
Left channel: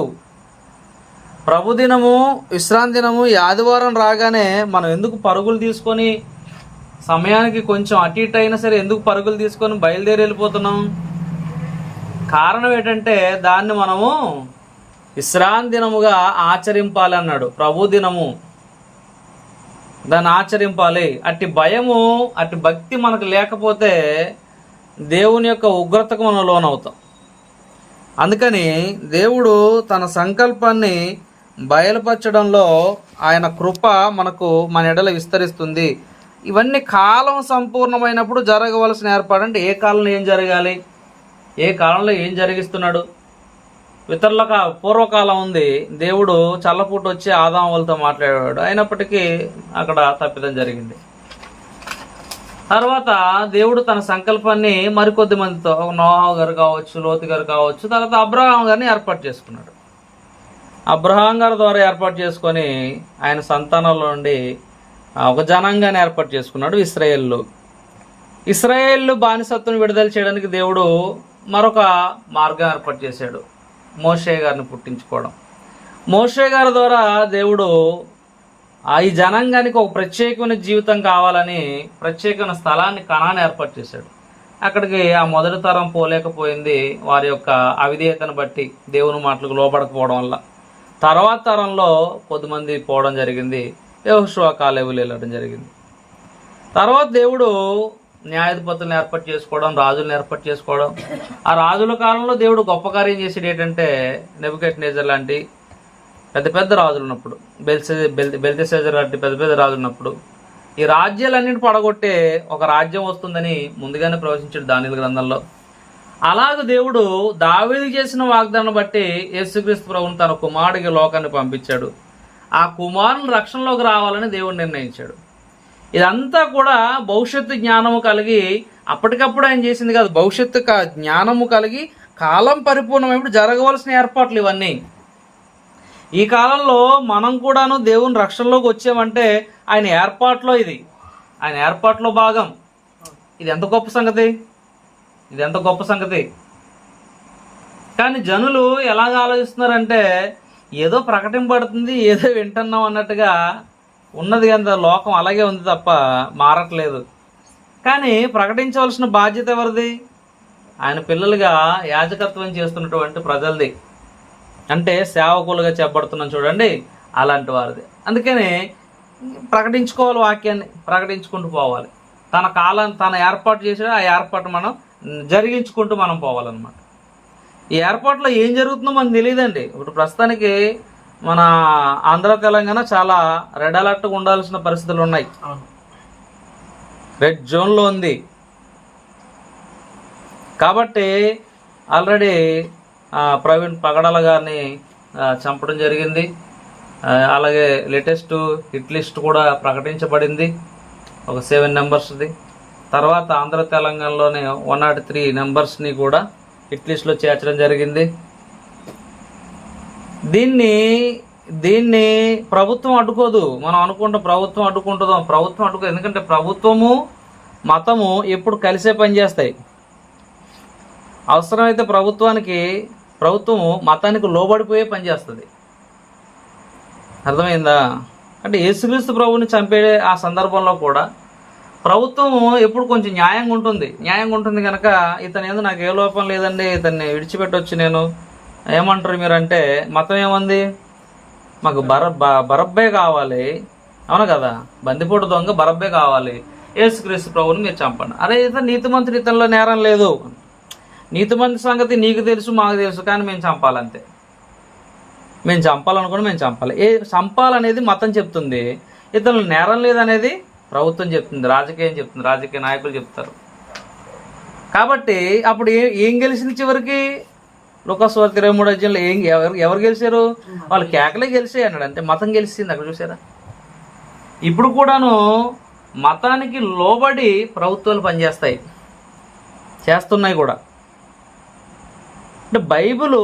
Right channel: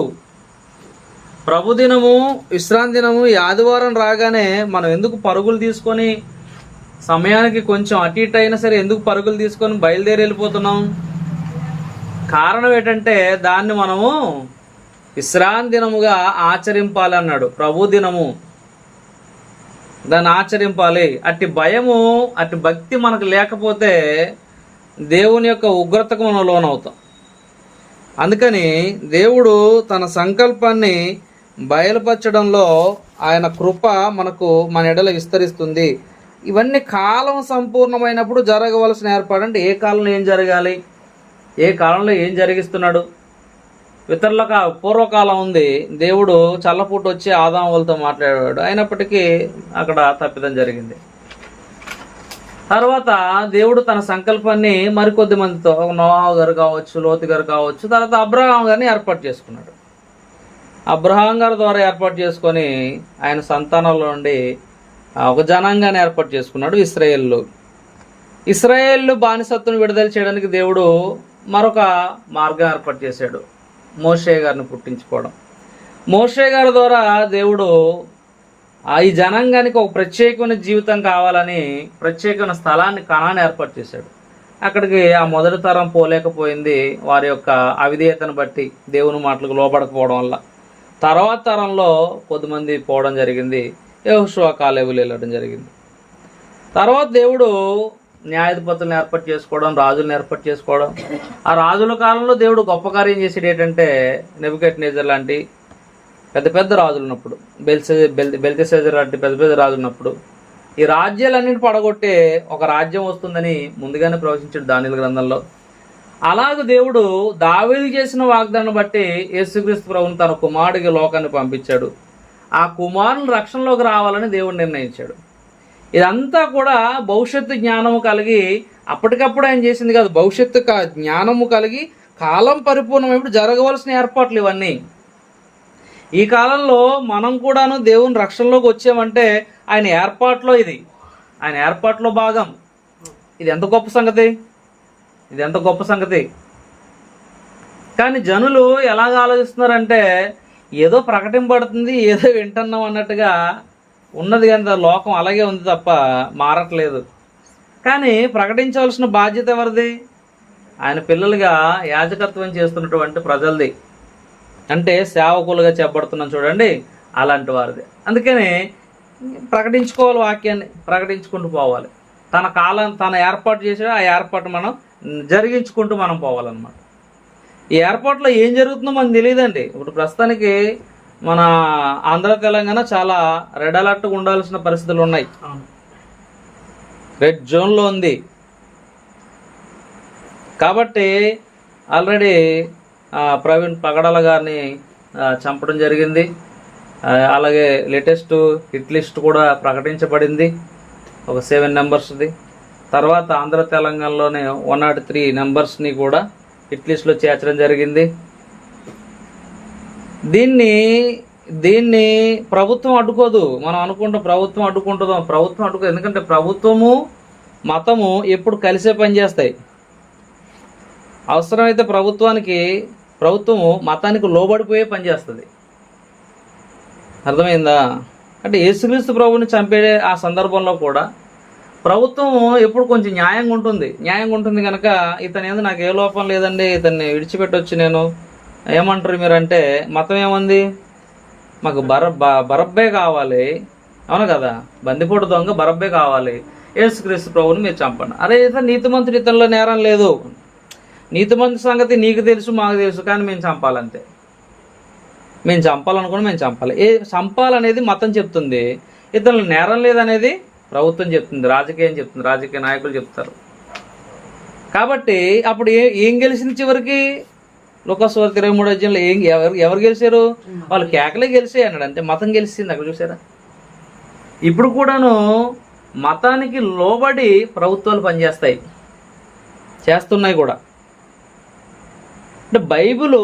ప్రభు దినము, విశ్రాంతి దినము, ఈ ఆదివారం రాగానే మనం ఎందుకు పరుగులు తీసుకొని, సమయానికి కొంచెం అటు ఇటు అయినా సరే ఎందుకు పరుగులు తీసుకొని బయలుదేరి వెళ్ళిపోతున్నాం? కారణం ఏంటంటే దాన్ని మనము విశ్రాంతి దినముగా ఆచరింపాలి అన్నాడు. ప్రభు దినము, దాన్ని ఆచరింపాలి. అట్టి భయము, అట్టి భక్తి మనకు లేకపోతే దేవుని యొక్క ఉగ్రతకు మనం లోనవుతాం. అందుకని దేవుడు తన సంకల్పాన్ని బయలుపరచడంలో ఆయన కృప మనకు మన ఎడల విస్తరిస్తుంది. ఇవన్నీ కాలం సంపూర్ణమైనప్పుడు జరగవలసిన ఏర్పాటు. అంటే ఏ కాలంలో ఏం జరగాలి, ఏ కాలంలో ఏం జరిగిస్తున్నాడు. ఇతరుల పూర్వకాలం ఉంది, దేవుడు చల్లపూట వచ్చి ఆదాములతో మాట్లాడాడు, అయినప్పటికీ అక్కడ తప్పిదం జరిగింది. తర్వాత దేవుడు తన సంకల్పాన్ని మరికొద్ది మందితో, నోవహు గారు కావచ్చు, లోతు గారు కావచ్చు, తర్వాత అబ్రహాం గారిని ఏర్పాటు చేసుకున్నాడు. అబ్రహాం గారి ద్వారా ఏర్పాటు చేసుకొని ఆయన సంతానంలో నుండి ఒక జనాంగాన్ని ఏర్పాటు చేసుకున్నాడు, ఇశ్రాయేలు. ఇశ్రాయేలు బానిసత్వం విడుదల చేయడానికి దేవుడు మరొక మార్గం ఏర్పాటు చేశాడు, మోషే గారిని పుట్టించుకోవడం. మోషే గారి ద్వారా దేవుడు ఈ జనాంగానికి ఒక ప్రత్యేకమైన జీవితం కావాలని ప్రత్యేకమైన స్థలాన్ని, కణాన్ని ఏర్పాటు చేశాడు. అక్కడికి ఆ మొదటి తరం పోలేకపోయింది, వారి యొక్క అవిధేయతను బట్టి, దేవుని మాటలకు లోబడకపోవడం వల్ల. తర్వాత తరంలో కొద్దిమంది పోవడం జరిగింది, యెహోషువ కాలేబులు వెళ్ళడం జరిగింది. తర్వాత దేవుడు న్యాయాధిపతులను ఏర్పాటు చేసుకోవడం, రాజులను ఏర్పాటు చేసుకోవడం. ఆ రాజుల కాలంలో దేవుడు గొప్ప కార్యం చేసేది ఏంటంటే, నెబుకద్నెజర్ లాంటి పెద్ద పెద్ద రాజులు ఉన్నప్పుడు, బెల్తెషాజర్ లాంటి పెద్ద పెద్ద రాజులు ఉన్నప్పుడు ఈ రాజ్యాలన్నింటి పడగొట్టే ఒక రాజ్యం వస్తుందని ముందుగానే ప్రవచించాడు దానియేలు గ్రంథంలో. అలాగే దేవుడు దావీదు చేసిన వాగ్దానం బట్టి యేసుక్రీస్తు ప్రభువును తన కుమారుడికి లోకాన్ని పంపించాడు. ఆ కుమారుని రక్షణలోకి రావాలని దేవుడు నిర్ణయించాడు. ఇదంతా కూడా భవిష్యత్తు జ్ఞానము కలిగి, అప్పటికప్పుడు ఆయన చేసింది కాదు, భవిష్యత్తు జ్ఞానము కలిగి కాలం పరిపూర్ణమైనప్పుడు జరగవలసిన ఏర్పాట్లు ఇవన్నీ. ఈ కాలంలో మనం కూడాను దేవుని రక్షణలోకి వచ్చామంటే ఆయన ఏర్పాట్లో, ఇది ఆయన ఏర్పాట్లో భాగం. ఇది ఎంత గొప్ప సంగతి, ఇది ఎంత గొప్ప సంగతి. కానీ జనులు ఎలాగ ఆలోచిస్తున్నారంటే ఏదో ప్రకటింపబడుతుంది, ఏదో వింటున్నాం అన్నట్టుగా ఉన్నది. కానీ లోకం అలాగే ఉంది తప్ప మారట్లేదు. కానీ ప్రకటించవలసిన బాధ్యత ఎవరిది? ఆయన పిల్లలుగా యాజకత్వం చేస్తున్నటువంటి ప్రజలది. అంటే సేవకులుగా చెప్పబడుతున్నాం చూడండి, అలాంటి వారిది. అందుకని ప్రకటించుకోవాలి, వాక్యాన్ని ప్రకటించుకుంటూ పోవాలి. తన కాలం తన ఏర్పాటు చేసాడు, ఆ ఏర్పాటు మనం జరిగించుకుంటూ మనం పోవాలన్నమాట. ఈ ఏర్పాట్లో ఏం జరుగుతుందో మనకు తెలియదండి. ఇప్పుడు ప్రస్తుతానికి మన ఆంధ్ర తెలంగాణ చాలా రెడ్ అలర్ట్గా ఉండాల్సిన పరిస్థితులు ఉన్నాయి. రెడ్ జోన్లో ఉంది కాబట్టి ఆల్రెడీ ప్రవీణ్ పగడాల గారిని చంపడం జరిగింది. అలాగే లేటెస్ట్ హిట్ లిస్ట్ కూడా ప్రకటించబడింది, ఒక 7 నెంబర్స్ది. తర్వాత ఆంధ్ర తెలంగాణలోనే 103 నెంబర్స్ని కూడా హిట్ లిస్ట్లో చేర్చడం జరిగింది. దీన్ని దీన్ని ప్రభుత్వం అడ్డుకోదు. మనం అనుకుంటాం ప్రభుత్వం అడ్డుకుంటుందో, ప్రభుత్వం అడ్డుకోదు. ఎందుకంటే ప్రభుత్వము మతము ఎప్పుడు కలిసే పనిచేస్తాయి. అవసరమైతే ప్రభుత్వము మతానికి లోబడిపోయే పనిచేస్తుంది. అర్థమైందా? అంటే యేసుక్రీస్తు ప్రభువుని చంపే ఆ సందర్భంలో కూడా ప్రభుత్వం ఎప్పుడు కొంచెం న్యాయంగా ఉంటుంది కనుక ఇతను ఏందో నాకు ఏ లోపం లేదండి, ఇతన్ని విడిచిపెట్టొచ్చు నేను, ఏమంటారు మీరు అంటే మతం ఏమంది, మాకు బరబ్బే కావాలి, అవును కదా, బందిపోటు దొంగ బరబ్బే కావాలి, యేసుక్రీస్తు ప్రభువుని మీరు చంపండి. అరే ఇతను నీతిమంతుడు, ఇతనిలో నేరం లేదు, నీతిమంతు సంగతి నీకు తెలుసు మాకు తెలుసు, కానీ మేము చంపాలంతే, మేము చంపాలనుకుని మేము చంపాలి. చంపాలనేది మతం చెప్తుంది, ఇతరులు నేరం లేదనేది ప్రభుత్వం చెప్తుంది, రాజకీయం చెప్తుంది, రాజకీయ నాయకులు చెప్తారు. కాబట్టి అప్పుడు ఏం గెలిచింది చివరికి? లోకస్వార్త 23 అధ్యాయంలో ఎవరు గెలిచారు? వాళ్ళు కేకలే గెలిచాయి అన్నాడు. అంటే మతం గెలిచింది. అక్కడ చూసారా? ఇప్పుడు కూడాను మతానికి లోబడి ప్రభుత్వాలు పనిచేస్తాయి, చేస్తున్నాయి కూడా. అంటే బైబిలు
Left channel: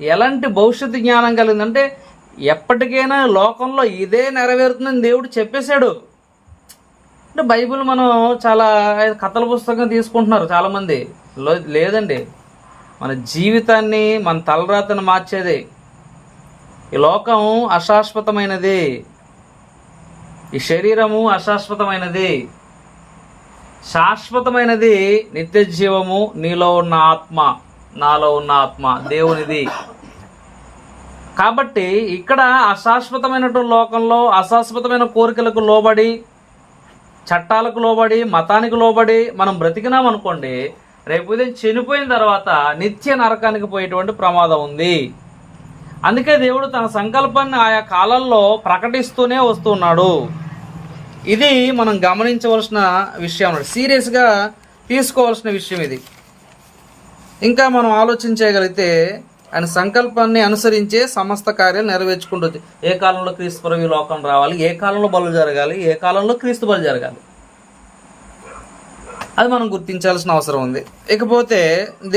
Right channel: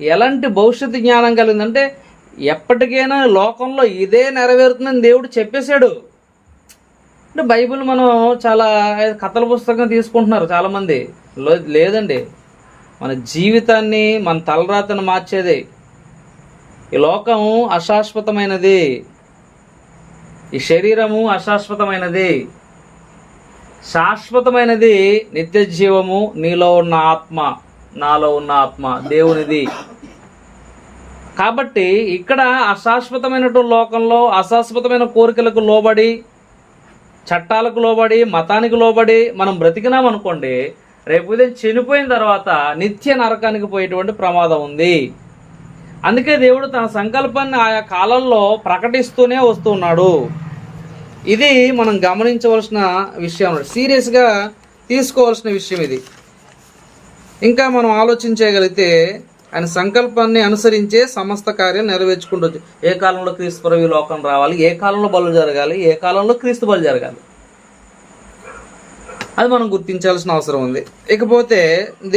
ఎలాంటి భవిష్యత్తు జ్ఞానం కలిగిందంటే ఎప్పటికైనా లోకంలో ఇదే నెరవేరుతుందని దేవుడు చెప్పేశాడు. అంటే బైబిల్ మనం చాలా కథల పుస్తకం తీసుకుంటున్నారు చాలామంది. లేదండి, మన జీవితాన్ని, మన తలరాతను మార్చేది. ఈ లోకం అశాశ్వతమైనది, ఈ శరీరము అశాశ్వతమైనది, శాశ్వతమైనది నిత్య జీవము, నీలో ఉన్న ఆత్మ, నాలో ఉన్న ఆత్మ దేవునిది. కాబట్టి ఇక్కడ అశాశ్వతమైనటువంటి లోకంలో అశాశ్వతమైన కోరికలకు లోబడి, చట్టాలకు లోబడి, మతానికి లోబడి మనం బ్రతికినాం అనుకోండి, రేపు ఉదయం చనిపోయిన తర్వాత నిత్య నరకానికి పోయేటువంటి ప్రమాదం ఉంది. అందుకే దేవుడు తన సంకల్పాన్ని ఆయా కాలంలో ప్రకటిస్తూనే వస్తున్నాడు. ఇది మనం గమనించవలసిన విషయం, సీరియస్గా తీసుకోవాల్సిన విషయం ఇది. ఇంకా మనం ఆలోచించగలిగితే ఆయన సంకల్పాన్ని అనుసరించే సమస్త కార్యాలు నెరవేర్చుకుంటుంది. ఏ కాలంలో క్రీస్తు ప్రభు లోకం రావాలి, ఏ కాలంలో బలు జరగాలి, ఏ కాలంలో క్రీస్తు బలు జరగాలి, అది మనం గుర్తించాల్సిన అవసరం ఉంది. ఇకపోతే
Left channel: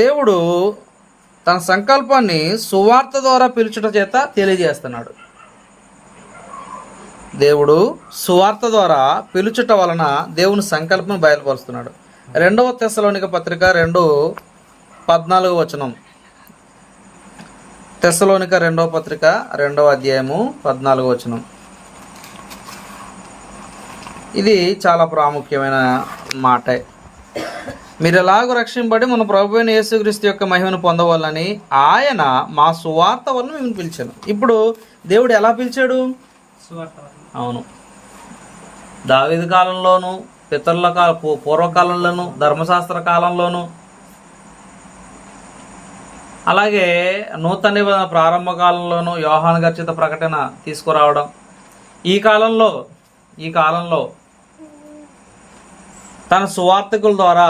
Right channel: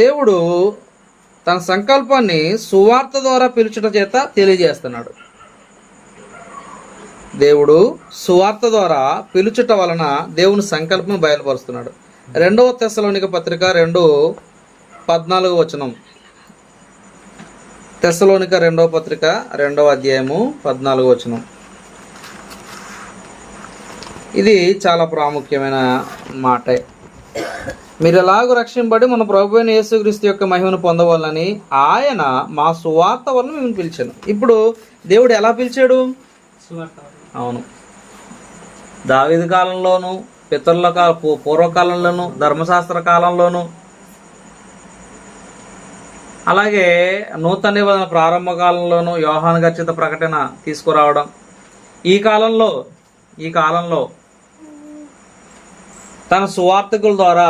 దేవుడు తన సంకల్పాన్ని సువార్త ద్వారా పిలుచుట చేత తెలియజేస్తున్నాడు. దేవుడు సువార్త ద్వారా పిలుచుట వలన దేవుని సంకల్పం బయలుపరుస్తున్నాడు. 2వ తెస్సలోనిక పత్రిక 2:14 తెస్సలోనిక 2వ పత్రిక 2వ అధ్యాయము 14. ఇది చాలా ప్రాముఖ్యమైన మాటే. మీరు ఎలాగో రక్షింపబడి మన ప్రభు అయిన యేసుక్రీస్తు యొక్క మహిమను పొందవాలని ఆయన మా సువార్త వలన మేము పిలిచాను. ఇప్పుడు దేవుడు ఎలా పిలిచాడు? అవును, దావీదు కాలంలోను, పితరుల పూర్వకాలంలోను, ధర్మశాస్త్ర కాలంలోను, అలాగే నూతన నిబంధన ప్రారంభ కాలంలోను యోహాను గర్చిత ప్రకటన తీసుకురావడం, ఈ కాలంలో తన సువార్తకుల ద్వారా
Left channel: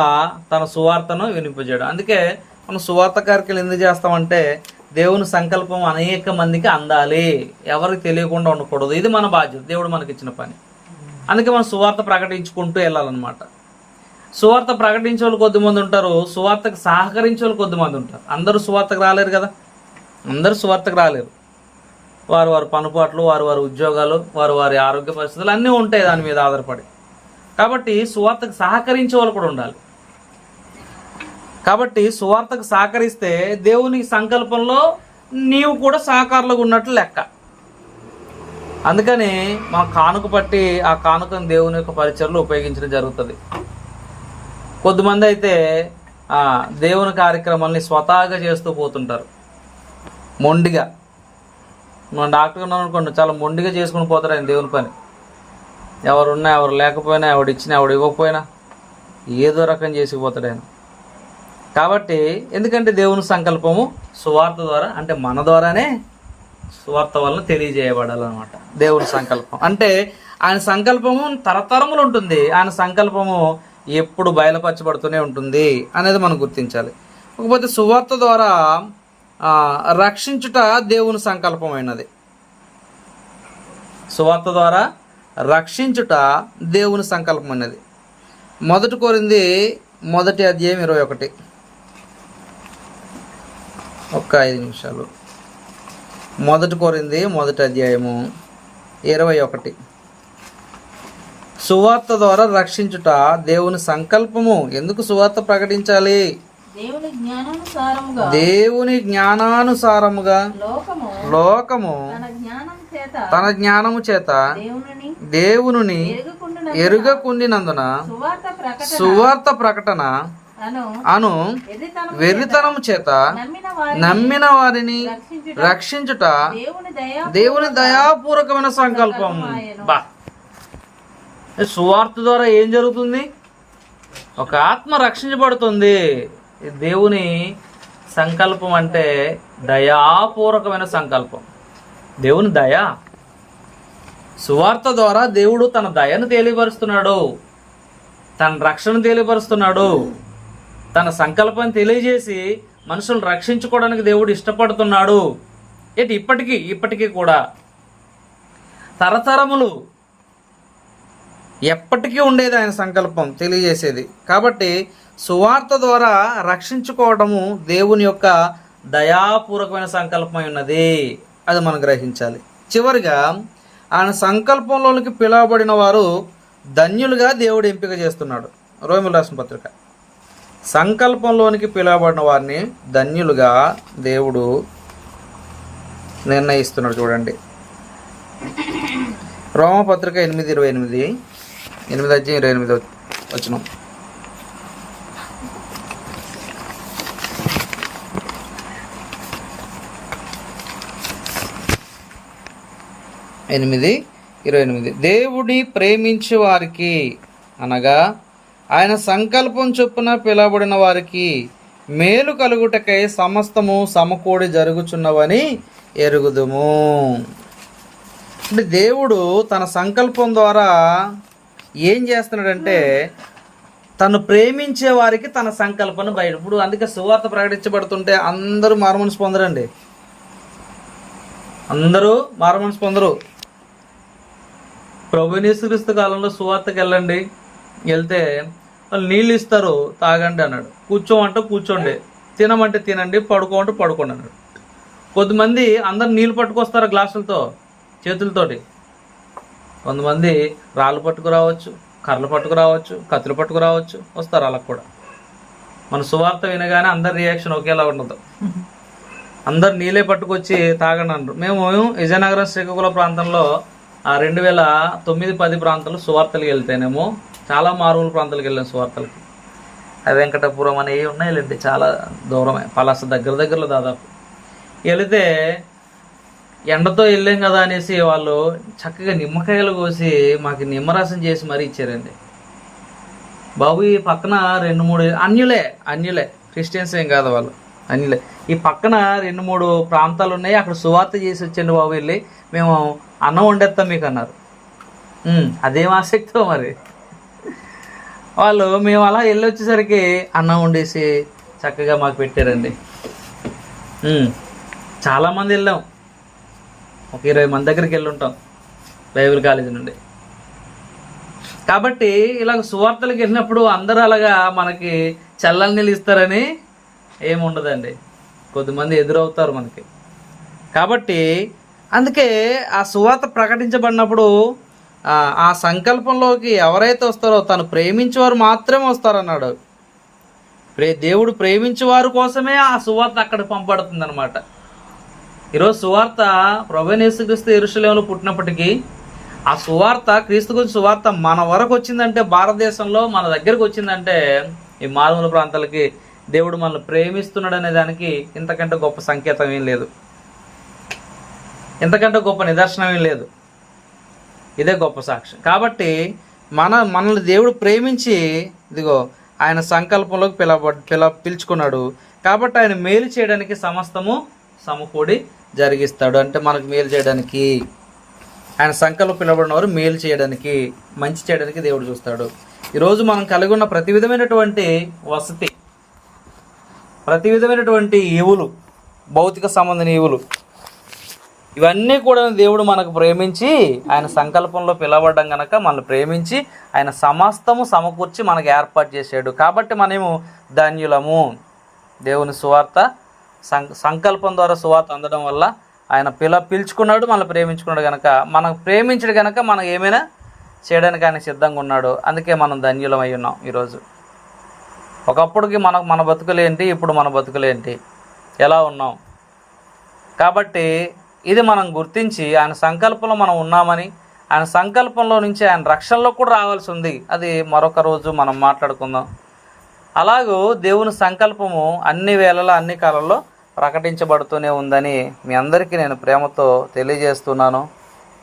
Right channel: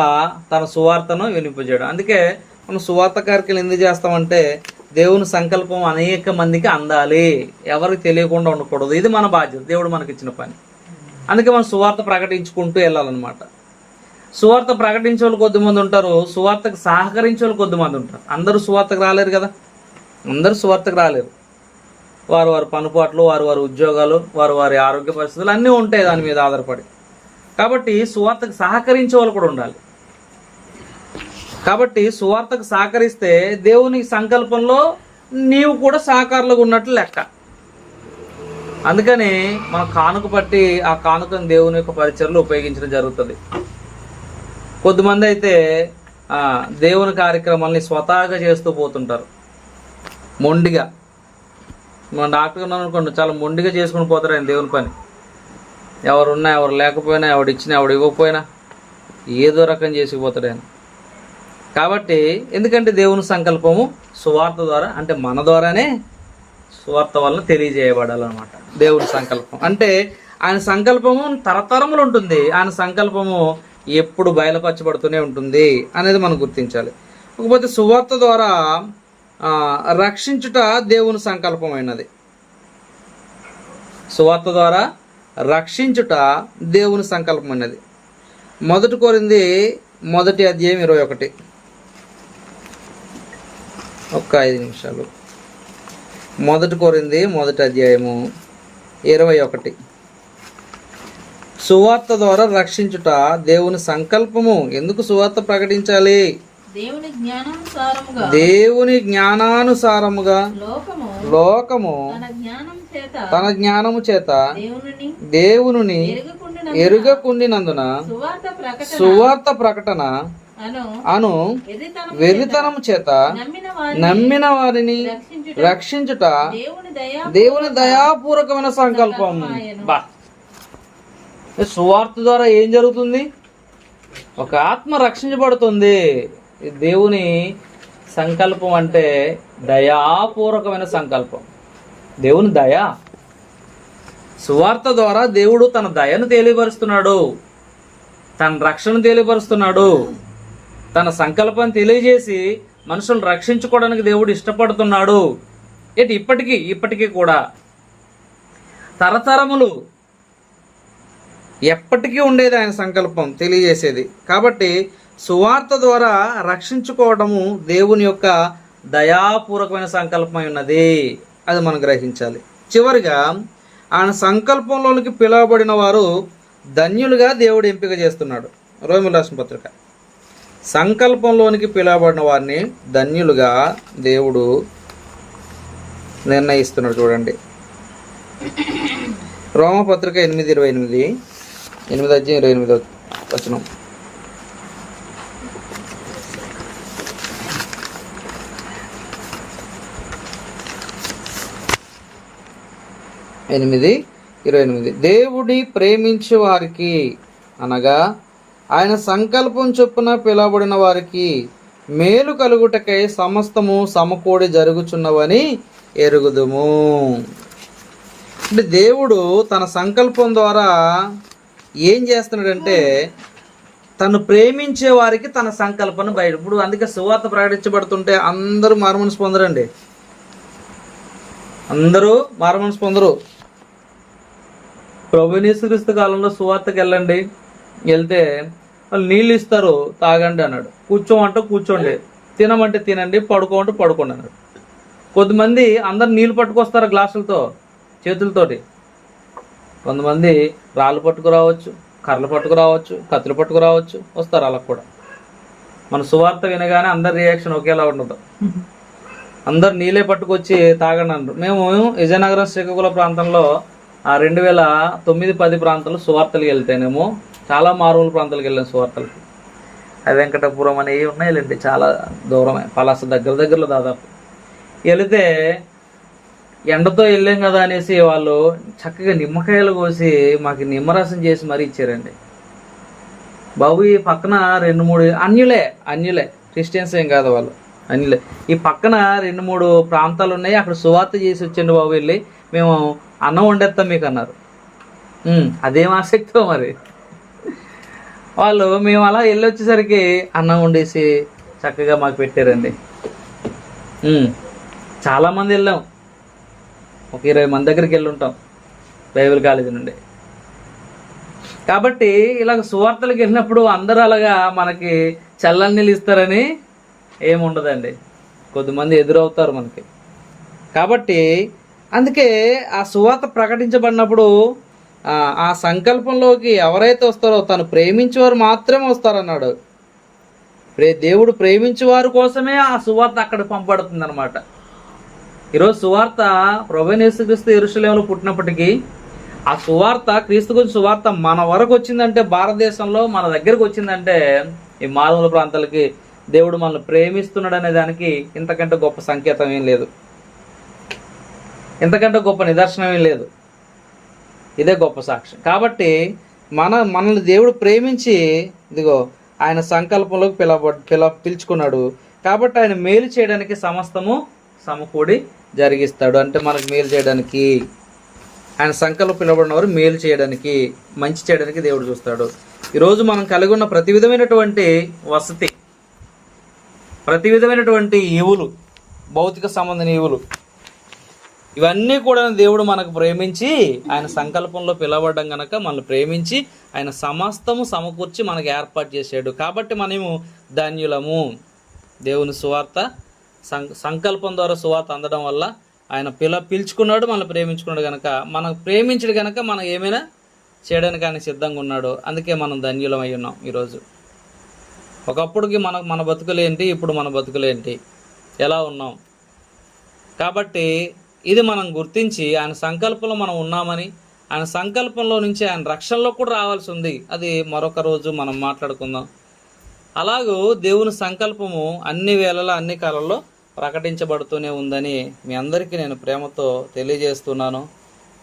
తన సువార్తను వినిపించాడు. అందుకే మనం సువార్త కార్యక్రమాలు ఎందుకు చేస్తామంటే దేవుని సంకల్పం అనేక మందికి అందాలి, ఎవరికి తెలియకుండా ఉండకూడదు. ఇది మన బాధ్యత, దేవుడు మనకి ఇచ్చిన పని. అందుకే మనం సువార్త ప్రకటించుకుంటూ వెళ్ళాలన్నమాట. సువార్త ప్రకటించే వాళ్ళు కొద్దిమంది ఉంటారు, సువార్తకు సహకరించే వాళ్ళు కొద్దిమంది ఉంటారు. అందరూ సువార్తకు రాలేరు కదా, అందరూ సువార్తకు రాలేరు. వారు వారి పనుపాట్లు, వారి ఉద్యోగాలు, వారి ఆరోగ్య పరిస్థితులు అన్నీ ఉంటాయి దాని మీద ఆధారపడి. కాబట్టి సువార్తకు సహకరించే వాళ్ళు కూడా ఉండాలి. కాబట్టి సువార్తకు సహకరిస్తే దేవుని సంకల్పంలో నీవు కూడా సహకారులుగా ఉన్నట్లు లెక్క. అందుకని మా కానుక పట్టి ఆ కానుకను దేవుని యొక్క పరిచర్లో ఉపయోగించడం జరుగుతుంది. కొద్దిమంది అయితే దేవుని కార్యక్రమాలని స్వతహాగా చేస్తూ పోతుంటారు, మొండిగా. మన డాక్టర్ ఉన్నాను అనుకోండి, చాలా మొండిగా చేసుకుని పోతారు ఆయన దేవుని పని. ఎవరున్నా ఎవరు లేకపోయినా, ఎవడిచ్చినా ఎవడు ఇవ్వకపోయినా ఏదో రకం చేసిపోతాడు ఆయన. కాబట్టి ఎందుకంటే దేవుని సంకల్పము సువార్త ద్వారా, అంటే మన ద్వారానే సువార్త వలన తెలియజేయబడాలన్నమాట. దేవుని సంకల్పం అంటే ఆయన సంకల్పము తరతరములు ఉంటుంది, ఆయన సంకల్పము ఎప్పుడు బయలుపరచబడుతూనే ఉంటుంది అనేది మనం గుర్తించాలి. కాకపోతే సువార్త ద్వారా రక్షించుట దేవుని సంకల్పమైనది. సువార్త ద్వారా రక్షించుట దేవుని సంకల్పం అనేది. 1 కొరింథీ 1వ అధ్యాయం 21. 5 నిమిషాలు. మొదటి కొరింథీ 1:21. సువార్త ద్వారా రక్షించుట దేవుని సంకల్పము. ఎందుకు సువార్త ప్రకటించాలి? దేవుని జ్ఞానానుసారముగా దేవుని జ్ఞానానుసారముగా లోకము తన జ్ఞానము చేత దేవుని ఎరుగకుండినందున సువార్త ప్రకటన అను వెర్రితనము చేత నమ్మిన వారిని రక్షించుట దేవుని దయాపూర్వకమైన సంకల్పం. బా, సువార్త ద్వారా ఏం జరుగుతుంది? ఒక ఆత్మ రక్షించబడుతుంది. దేవుని సంకల్పం అంటే దయాపూర్వకమైన సంకల్పం. దేవుని దయ. సువార్త ద్వారా దేవుడు తన దయను తెలియపరుస్తున్నాడు, తన రక్షణను తెలియపరుస్తున్నాడు, తన సంకల్పం తెలియజేసి మనుషులను రక్షించుకోవడానికి దేవుడు ఇష్టపడుతున్నాడు. ఇప్పటికీ కూడా తరతరములు ఎప్పటికీ ఉండేది ఆయన సంకల్పం తెలియజేసేది. కాబట్టి సువార్త ద్వారా రక్షించుకోవడము దేవుని యొక్క దయాపూర్వకమైన సంకల్పమై ఉన్నది. అది మనం గ్రహించాలి. చివరిగా ఆయన సంకల్పంలోనికి పిలువబడిన వారు ధన్యులుగా దేవుడు ఎంపిక చేస్తున్నాడు. రోమీయులకు రాసిన పత్రిక. సంకల్పంలోనికి పిలువబడిన వారిని ధన్యులుగా దేవుడు నిర్ణయిస్తున్నాడు. చూడండి, రోమపత్రిక 8:28, 8:28. 8:28. దేవుడి ప్రేమించే వారికి అనగా ఆయన సంకల్పం చొప్పున పిలువబడిన వారికి మేలు కలుగుటకై సమస్తము సమకూడి జరుగుచున్నవని ఎరుగుదుము. అంటే దేవుడు తన సంకల్పం ద్వారా ఏం చేస్తున్నాడంటే తను ప్రేమించే వారికి తన సంకల్పాన్ని బయట. ఇప్పుడు అందుకే సువార్త ప్రకటించబడుతుంటే అందరూ మారుమనసు పొందరండి. అందరూ మారుమనసు పొందరు. ప్రభువు యేసుక్రీస్తు కాలంలో సువార్తకి వెళ్ళండి, వెళ్తే వాళ్ళు నీళ్ళు ఇస్తారు, తాగండి అన్నాడు. కూర్చోమంటే కూర్చోండి, తినమంటే తినండి, పడుకోమంటే పడుకోండి అన్నాడు. కొద్దిమంది అందరు నీళ్ళు పట్టుకొస్తారు గ్లాసులతో, చేతులతోటి. కొంతమంది రాళ్ళు పట్టుకురావచ్చు, కర్రలు పట్టుకురావచ్చు, కత్తులు పట్టుకురావచ్చు, వస్తారు అలా కూడా. మన సువార్త వినగానే అందరి రియాక్షన్ ఒకేలా ఉండదు. అందరు నీళ్ళే పట్టుకొచ్చి తాగండి అన్నారు. మేము విజయనగరం శ్రీకాకుళం ప్రాంతంలో 2009-10 ప్రాంతాలు సువార్తలకు వెళ్తేనేమో చాలా మారుమూల ప్రాంతాలకు వెళ్ళాం సువార్తలకి. వెంకటపురం అనేవి ఉన్నాయిలేండి, చాలా దూరమే, పలాస దగ్గరలో దాదాపు. వెళితే ఎండతో వెళ్ళాం కదా అనేసి వాళ్ళు చక్కగా నిమ్మకాయలు కోసి మాకు నిమ్మరసం చేసి మరీ ఇచ్చారండి. బాబు ఈ పక్కన 2-3 అన్యులే, క్రిస్టియన్స్ ఏం కాదు వాళ్ళు, అన్యులే. ఈ పక్కన 2-3 ప్రాంతాలు ఉన్నాయి, అక్కడ సువార్త చేసి వచ్చండి బాబు, వెళ్ళి మేము అన్నం వండేస్తాం మీకు అన్నారు. అదేం ఆసక్తితో మరి వాళ్ళు. మేము అలా వెళ్ళి వచ్చేసరికి అన్నం వండేసి చక్కగా మాకు పెట్టారండి. చాలామంది వెళ్ళాం, ఒక 20 మంది దగ్గరికి వెళ్ళి ఉంటాం బైబిల్ కాలేజీ నుండి. కాబట్టి ఇలాగ సువార్తలకు వెళ్ళినప్పుడు అందరూ అలాగా మనకి చల్లని నీళ్ళు ఇస్తారని ఏముండదండి, కొద్దిమంది ఎదురవుతారు మనకి. కాబట్టి అందుకే ఆ సువార్త ప్రకటించబడినప్పుడు ఆ సంకల్పంలోకి ఎవరైతే వస్తారో తను ప్రేమించేవారు మాత్రమే వస్తారన్నాడు. దేవుడు ప్రేమించేవారి కోసమే ఆ సువార్త అక్కడ పంపబడుతుంది అనమాట. ఈరోజు సువార్త ప్రభువైన యేసుక్రీస్తు యెరూషలేములో పుట్టినప్పటికీ ఆ సువార్త, క్రీస్తు గురించి సువార్త మన వరకు వచ్చిందంటే, భారతదేశంలో మన దగ్గరకు వచ్చిందంటే, ఈ మారుమూల ప్రాంతాలకి దేవుడు మనల్ని ప్రేమిస్తున్నాడు అనే దానికి ఇంతకంటే గొప్ప సంకేతం ఏం లేదు, ఇంతకంటే గొప్ప నిదర్శనం ఏం లేదు. ఇదే గొప్ప సాక్ష్యం. కాబట్టి మనల్ని దేవుడు ప్రేమించి ఇదిగో ఆయన సంకల్పంలోకి పిలుచుకున్నాడు. కాబట్టి ఆయన మేలు చేయడానికి సమస్తము సమకూడి జరిగిస్తాడు. అంటే మనకు మేలు చేయడానికి, ఆయన సంకల్పం పిలువబడిన వారు మేలు చేయడానికి, మంచి చేయడానికి దేవుడు చూస్తాడు. ఈరోజు మనం కలిగి ఉన్న ప్రతి విధమైనటువంటి వసతి, ప్రతి విధమైనటువంటి ఈవులు, భౌతిక సంబంధం ఈవులు, ఇవన్నీ కూడా దేవుడు మనకు ప్రేమించి ఆయన సంకల్పంలో పిలవడం గనక మనల్ని ప్రేమించి ఆయన సమస్తము సమకూర్చి మనకు ఏర్పాటు చేశాడు. కాబట్టి మనము ధన్యులము. దేవుని సువార్త సంకల్పం ద్వారా సువార్త అందడం వల్ల ఆయన పిలుచుకున్నాడు, మనల్ని ప్రేమించుకున్నాడు కనుక, మనం ప్రేమించడు కనుక మనం ఏమైనా చేయడానికి ఆయన సిద్ధంగా ఉన్నాడు. అందుకే మనం ధన్యులం అయి ఉన్నాం ఈరోజు. ఒకప్పుడుకి మన బతుకులేంటి, ఇప్పుడు మన బతుకులేంటి, ఎలా ఉన్నాం. కాబట్టి ఇది మనం గుర్తించి ఆయన సంకల్పంలో మనం ఉన్నామని, ఆయన సంకల్పంలో నుంచి ఆయన రక్షణలో కూడా రావాల్సి ఉంది. అది మరొక రోజు మనం మాట్లాడుకుందాం. అలాగూ దేవుని సంకల్పము అన్ని వేళలా అన్ని కాలంలో ప్రకటించబడుతూనే ఉందని మీ అందరికీ నేను ప్రేమతో తెలియజేస్తున్నాను,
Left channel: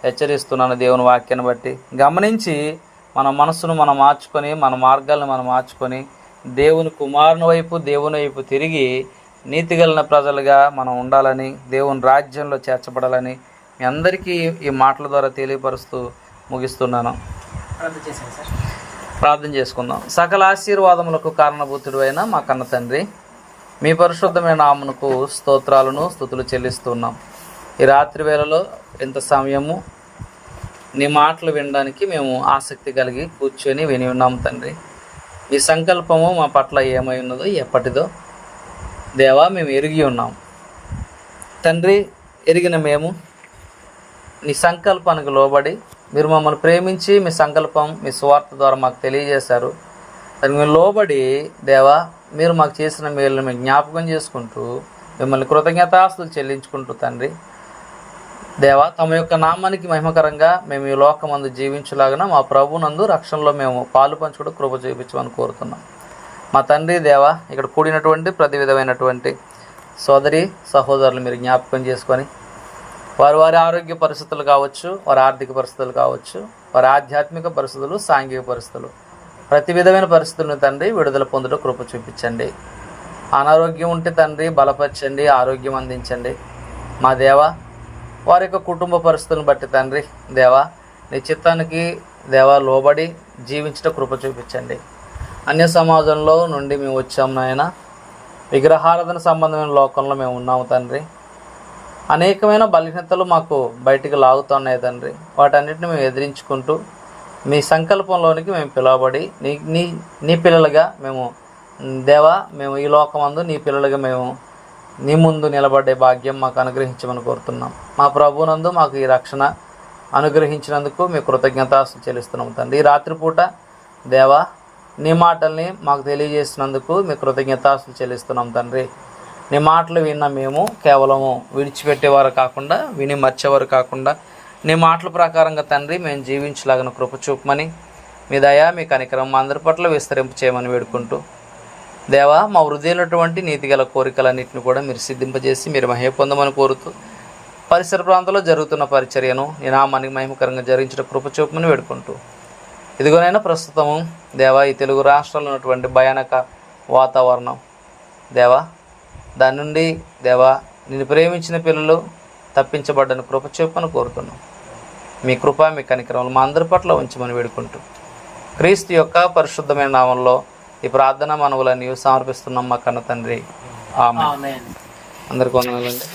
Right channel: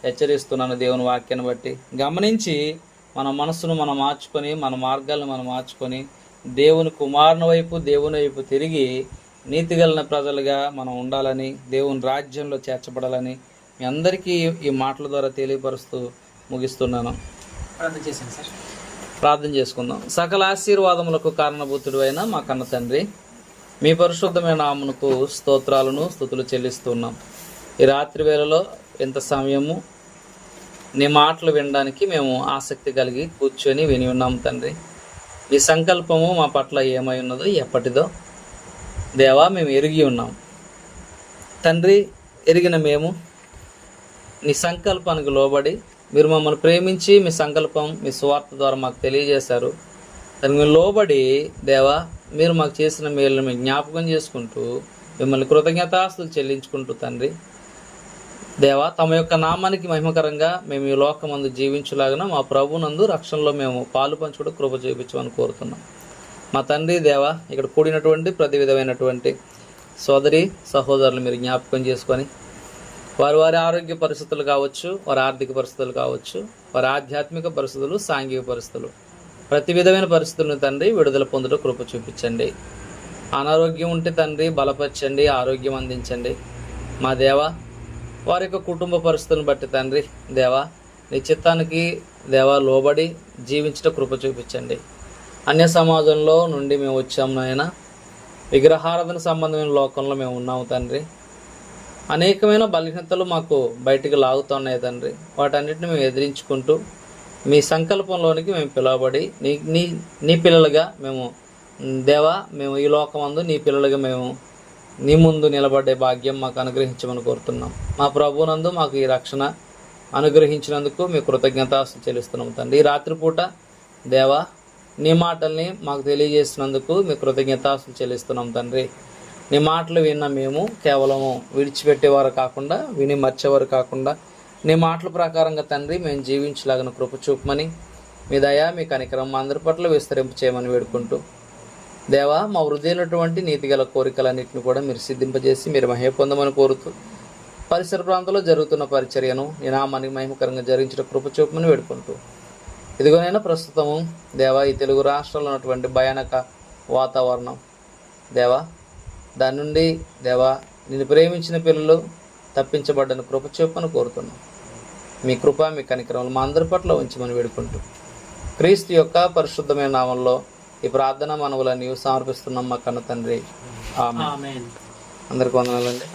హెచ్చరిస్తున్నాను. దేవుని వాక్యాన్ని బట్టి గమనించి మన మనసును మనం మార్చుకొని, మన మార్గాలను మనం మార్చుకొని, దేవుని కుమారుని వైపు, దేవుని వైపు తిరిగి నీతిగలిగిన ప్రజలుగా మనం ఉండాలని, దేవుని రాజ్యంలో చేర్చబడాలని మీ అందరికీ ఈ మాటల ద్వారా తెలియపరుస్తూ ముగిస్తున్నాను. ప్రార్థన చేసుకుందాం. సకల ఆశీర్వాదములకు కారణభూతుడు అయిన మా కన్న తండ్రి, మీ పరిశుద్ధమైన నామమునకు స్తోత్రాలను స్తుతులు చెల్లిస్తున్నాం. ఈ రాత్రి వేళలో ఇంత సమయము నీ మాటలు వినడానికి మేము ఆసక్తి కలిగి కూర్చొని విని ఉన్నాం తండ్రి. మీ సంకల్పము మా పట్ల ఏమై ఉన్నదో, ఎప్పటిదో దేవా మేము ఎరిగి ఉన్నాం తండ్రి. ఎరిగిన మేము నీ సంకల్పానికి లోబడి, మీరు మమ్మల్ని ప్రేమించి మీ సంకల్పం మీ సువార్త ద్వారా మాకు తెలియజేశారు. దానికి మేము లోబడి దేవా, మీరు మాకు చేసిన మేలును మేము జ్ఞాపకం చేసుకుంటూ మిమ్మల్ని కృతజ్ఞతాస్తులు చెల్లించుకుంటూ తండ్రి దేవా, తమ యొక్క నామానికి మహిమకరంగా మేము ఈ లోకమందు జీవించులాగా మా ప్రభునందు రక్షణలో మేము పాలు పంచుకుంటూ కృప చూపించమని కోరుతున్నాం. మా తండ్రి దేవా, ఇక్కడ కూడినటువంటి ప్రతి విధమైనటువంటి సోదరి సహోదరులు మీరు జ్ఞాపకం చేసుకొని, వారి ఆరోగ్య పరిస్థితులు కావచ్చు, వారి ఆర్థిక పరిస్థితులు కావచ్చు, వారి ఆధ్యాత్మిక పరిస్థితులు, సాంఘిక పరిస్థితులు, ప్రతి విధమైన పరిస్థితులను తండ్రి విడుదల పొందుటూ కృప చూపించండి. అనారోగ్యం ఉంటే తండ్రి బలపరచండి, ఆరోగ్యం అందించండి. మా దేవా, వారి యొక్క కుటుంబ పరిస్థితులను బట్టి తండ్రి దేవా, నీ చిత్తానికి దేవా లోబడి జీవించట కృప చూపించండి. అన్య సమాజంలో నుండి మేము వచ్చాము నాయన, విగ్రహారాధన సంబంధమైన లోకంలో మేము ఉన్నాము తండ్రి. అనేకమైన బలహీనతలు మాకు బయటికి లాగుతున్నాయి తండ్రి. వాటన్నిటిని మేము ఎదిరించుకుంటూ మీ సంకల్పంలోనికి మేము పిలువబడి నీ పిల్లలుగా మేము దేవా, మేము ఈ లోకమందు నీ పిల్లలుగా మేము నీ ముందు నిలబడే భాగ్యం మాకు అనుగ్రహించమని కోరుతున్నాం. మా ప్రభునందు మాకు ఈ రక్షణ అనుగ్రహించినందుకు మీ కృతజ్ఞతాస్తులు చెల్లిస్తున్నాం తండ్రి. ఈ రాత్రిపూట దేవా, నీ మాటల్ని మాకు తెలియజేసినందుకు మీ కృతజ్ఞతాస్తులు చెల్లిస్తున్నాం తండ్రి. నీ మాటలు విన్న మేము కేవలము విడిచిపెట్టేవారు కాకుండా, విని మర్చేవారు కాకుండా, నీ మాటల ప్రకారంగా తండ్రి మేము జీవించలాగిన కృప చూపమని, మీ దయ మీ కనికరం మా అందరి పట్ల విస్తరింపు చేయమని వేడుకుంటూ దేవా, మా హృదయమైనటువంటి నీతిగల కోరికలన్నింటిని కూడా మీరు సిద్ధింపజేసి మీరు మహిమ పొందమని కోరుతూ, పరిసర ప్రాంతాల్లో జరుగుతున్న పరిచర్యను నీ నామానికి మహిమకరంగా జరిగించిన కృప చూపమని వేడుకుంటూ, ఇదిగోనైనా ప్రస్తుతము దేవా, ఈ తెలుగు రాష్ట్రాల్లో ఉన్నటువంటి భయానక వాతావరణం దేవా, దాని నుండి దేవా నిన్ను ప్రేమించిన పిల్లలు తప్పించబడ్డని కృప చూపమని కోరుతున్నాం. మీ కృప మీ కనికరములు మా అందరి పట్ల ఉంచమని వేడుకుంటూ, క్రీస్తు యొక్క పరిశుద్ధమైన నామంలో ఈ ప్రార్థన మనవులన్నీ సమర్పిస్తున్నాం మా కన్న తండ్రి. ఆమేన్. అందరికీ వందనాలండి.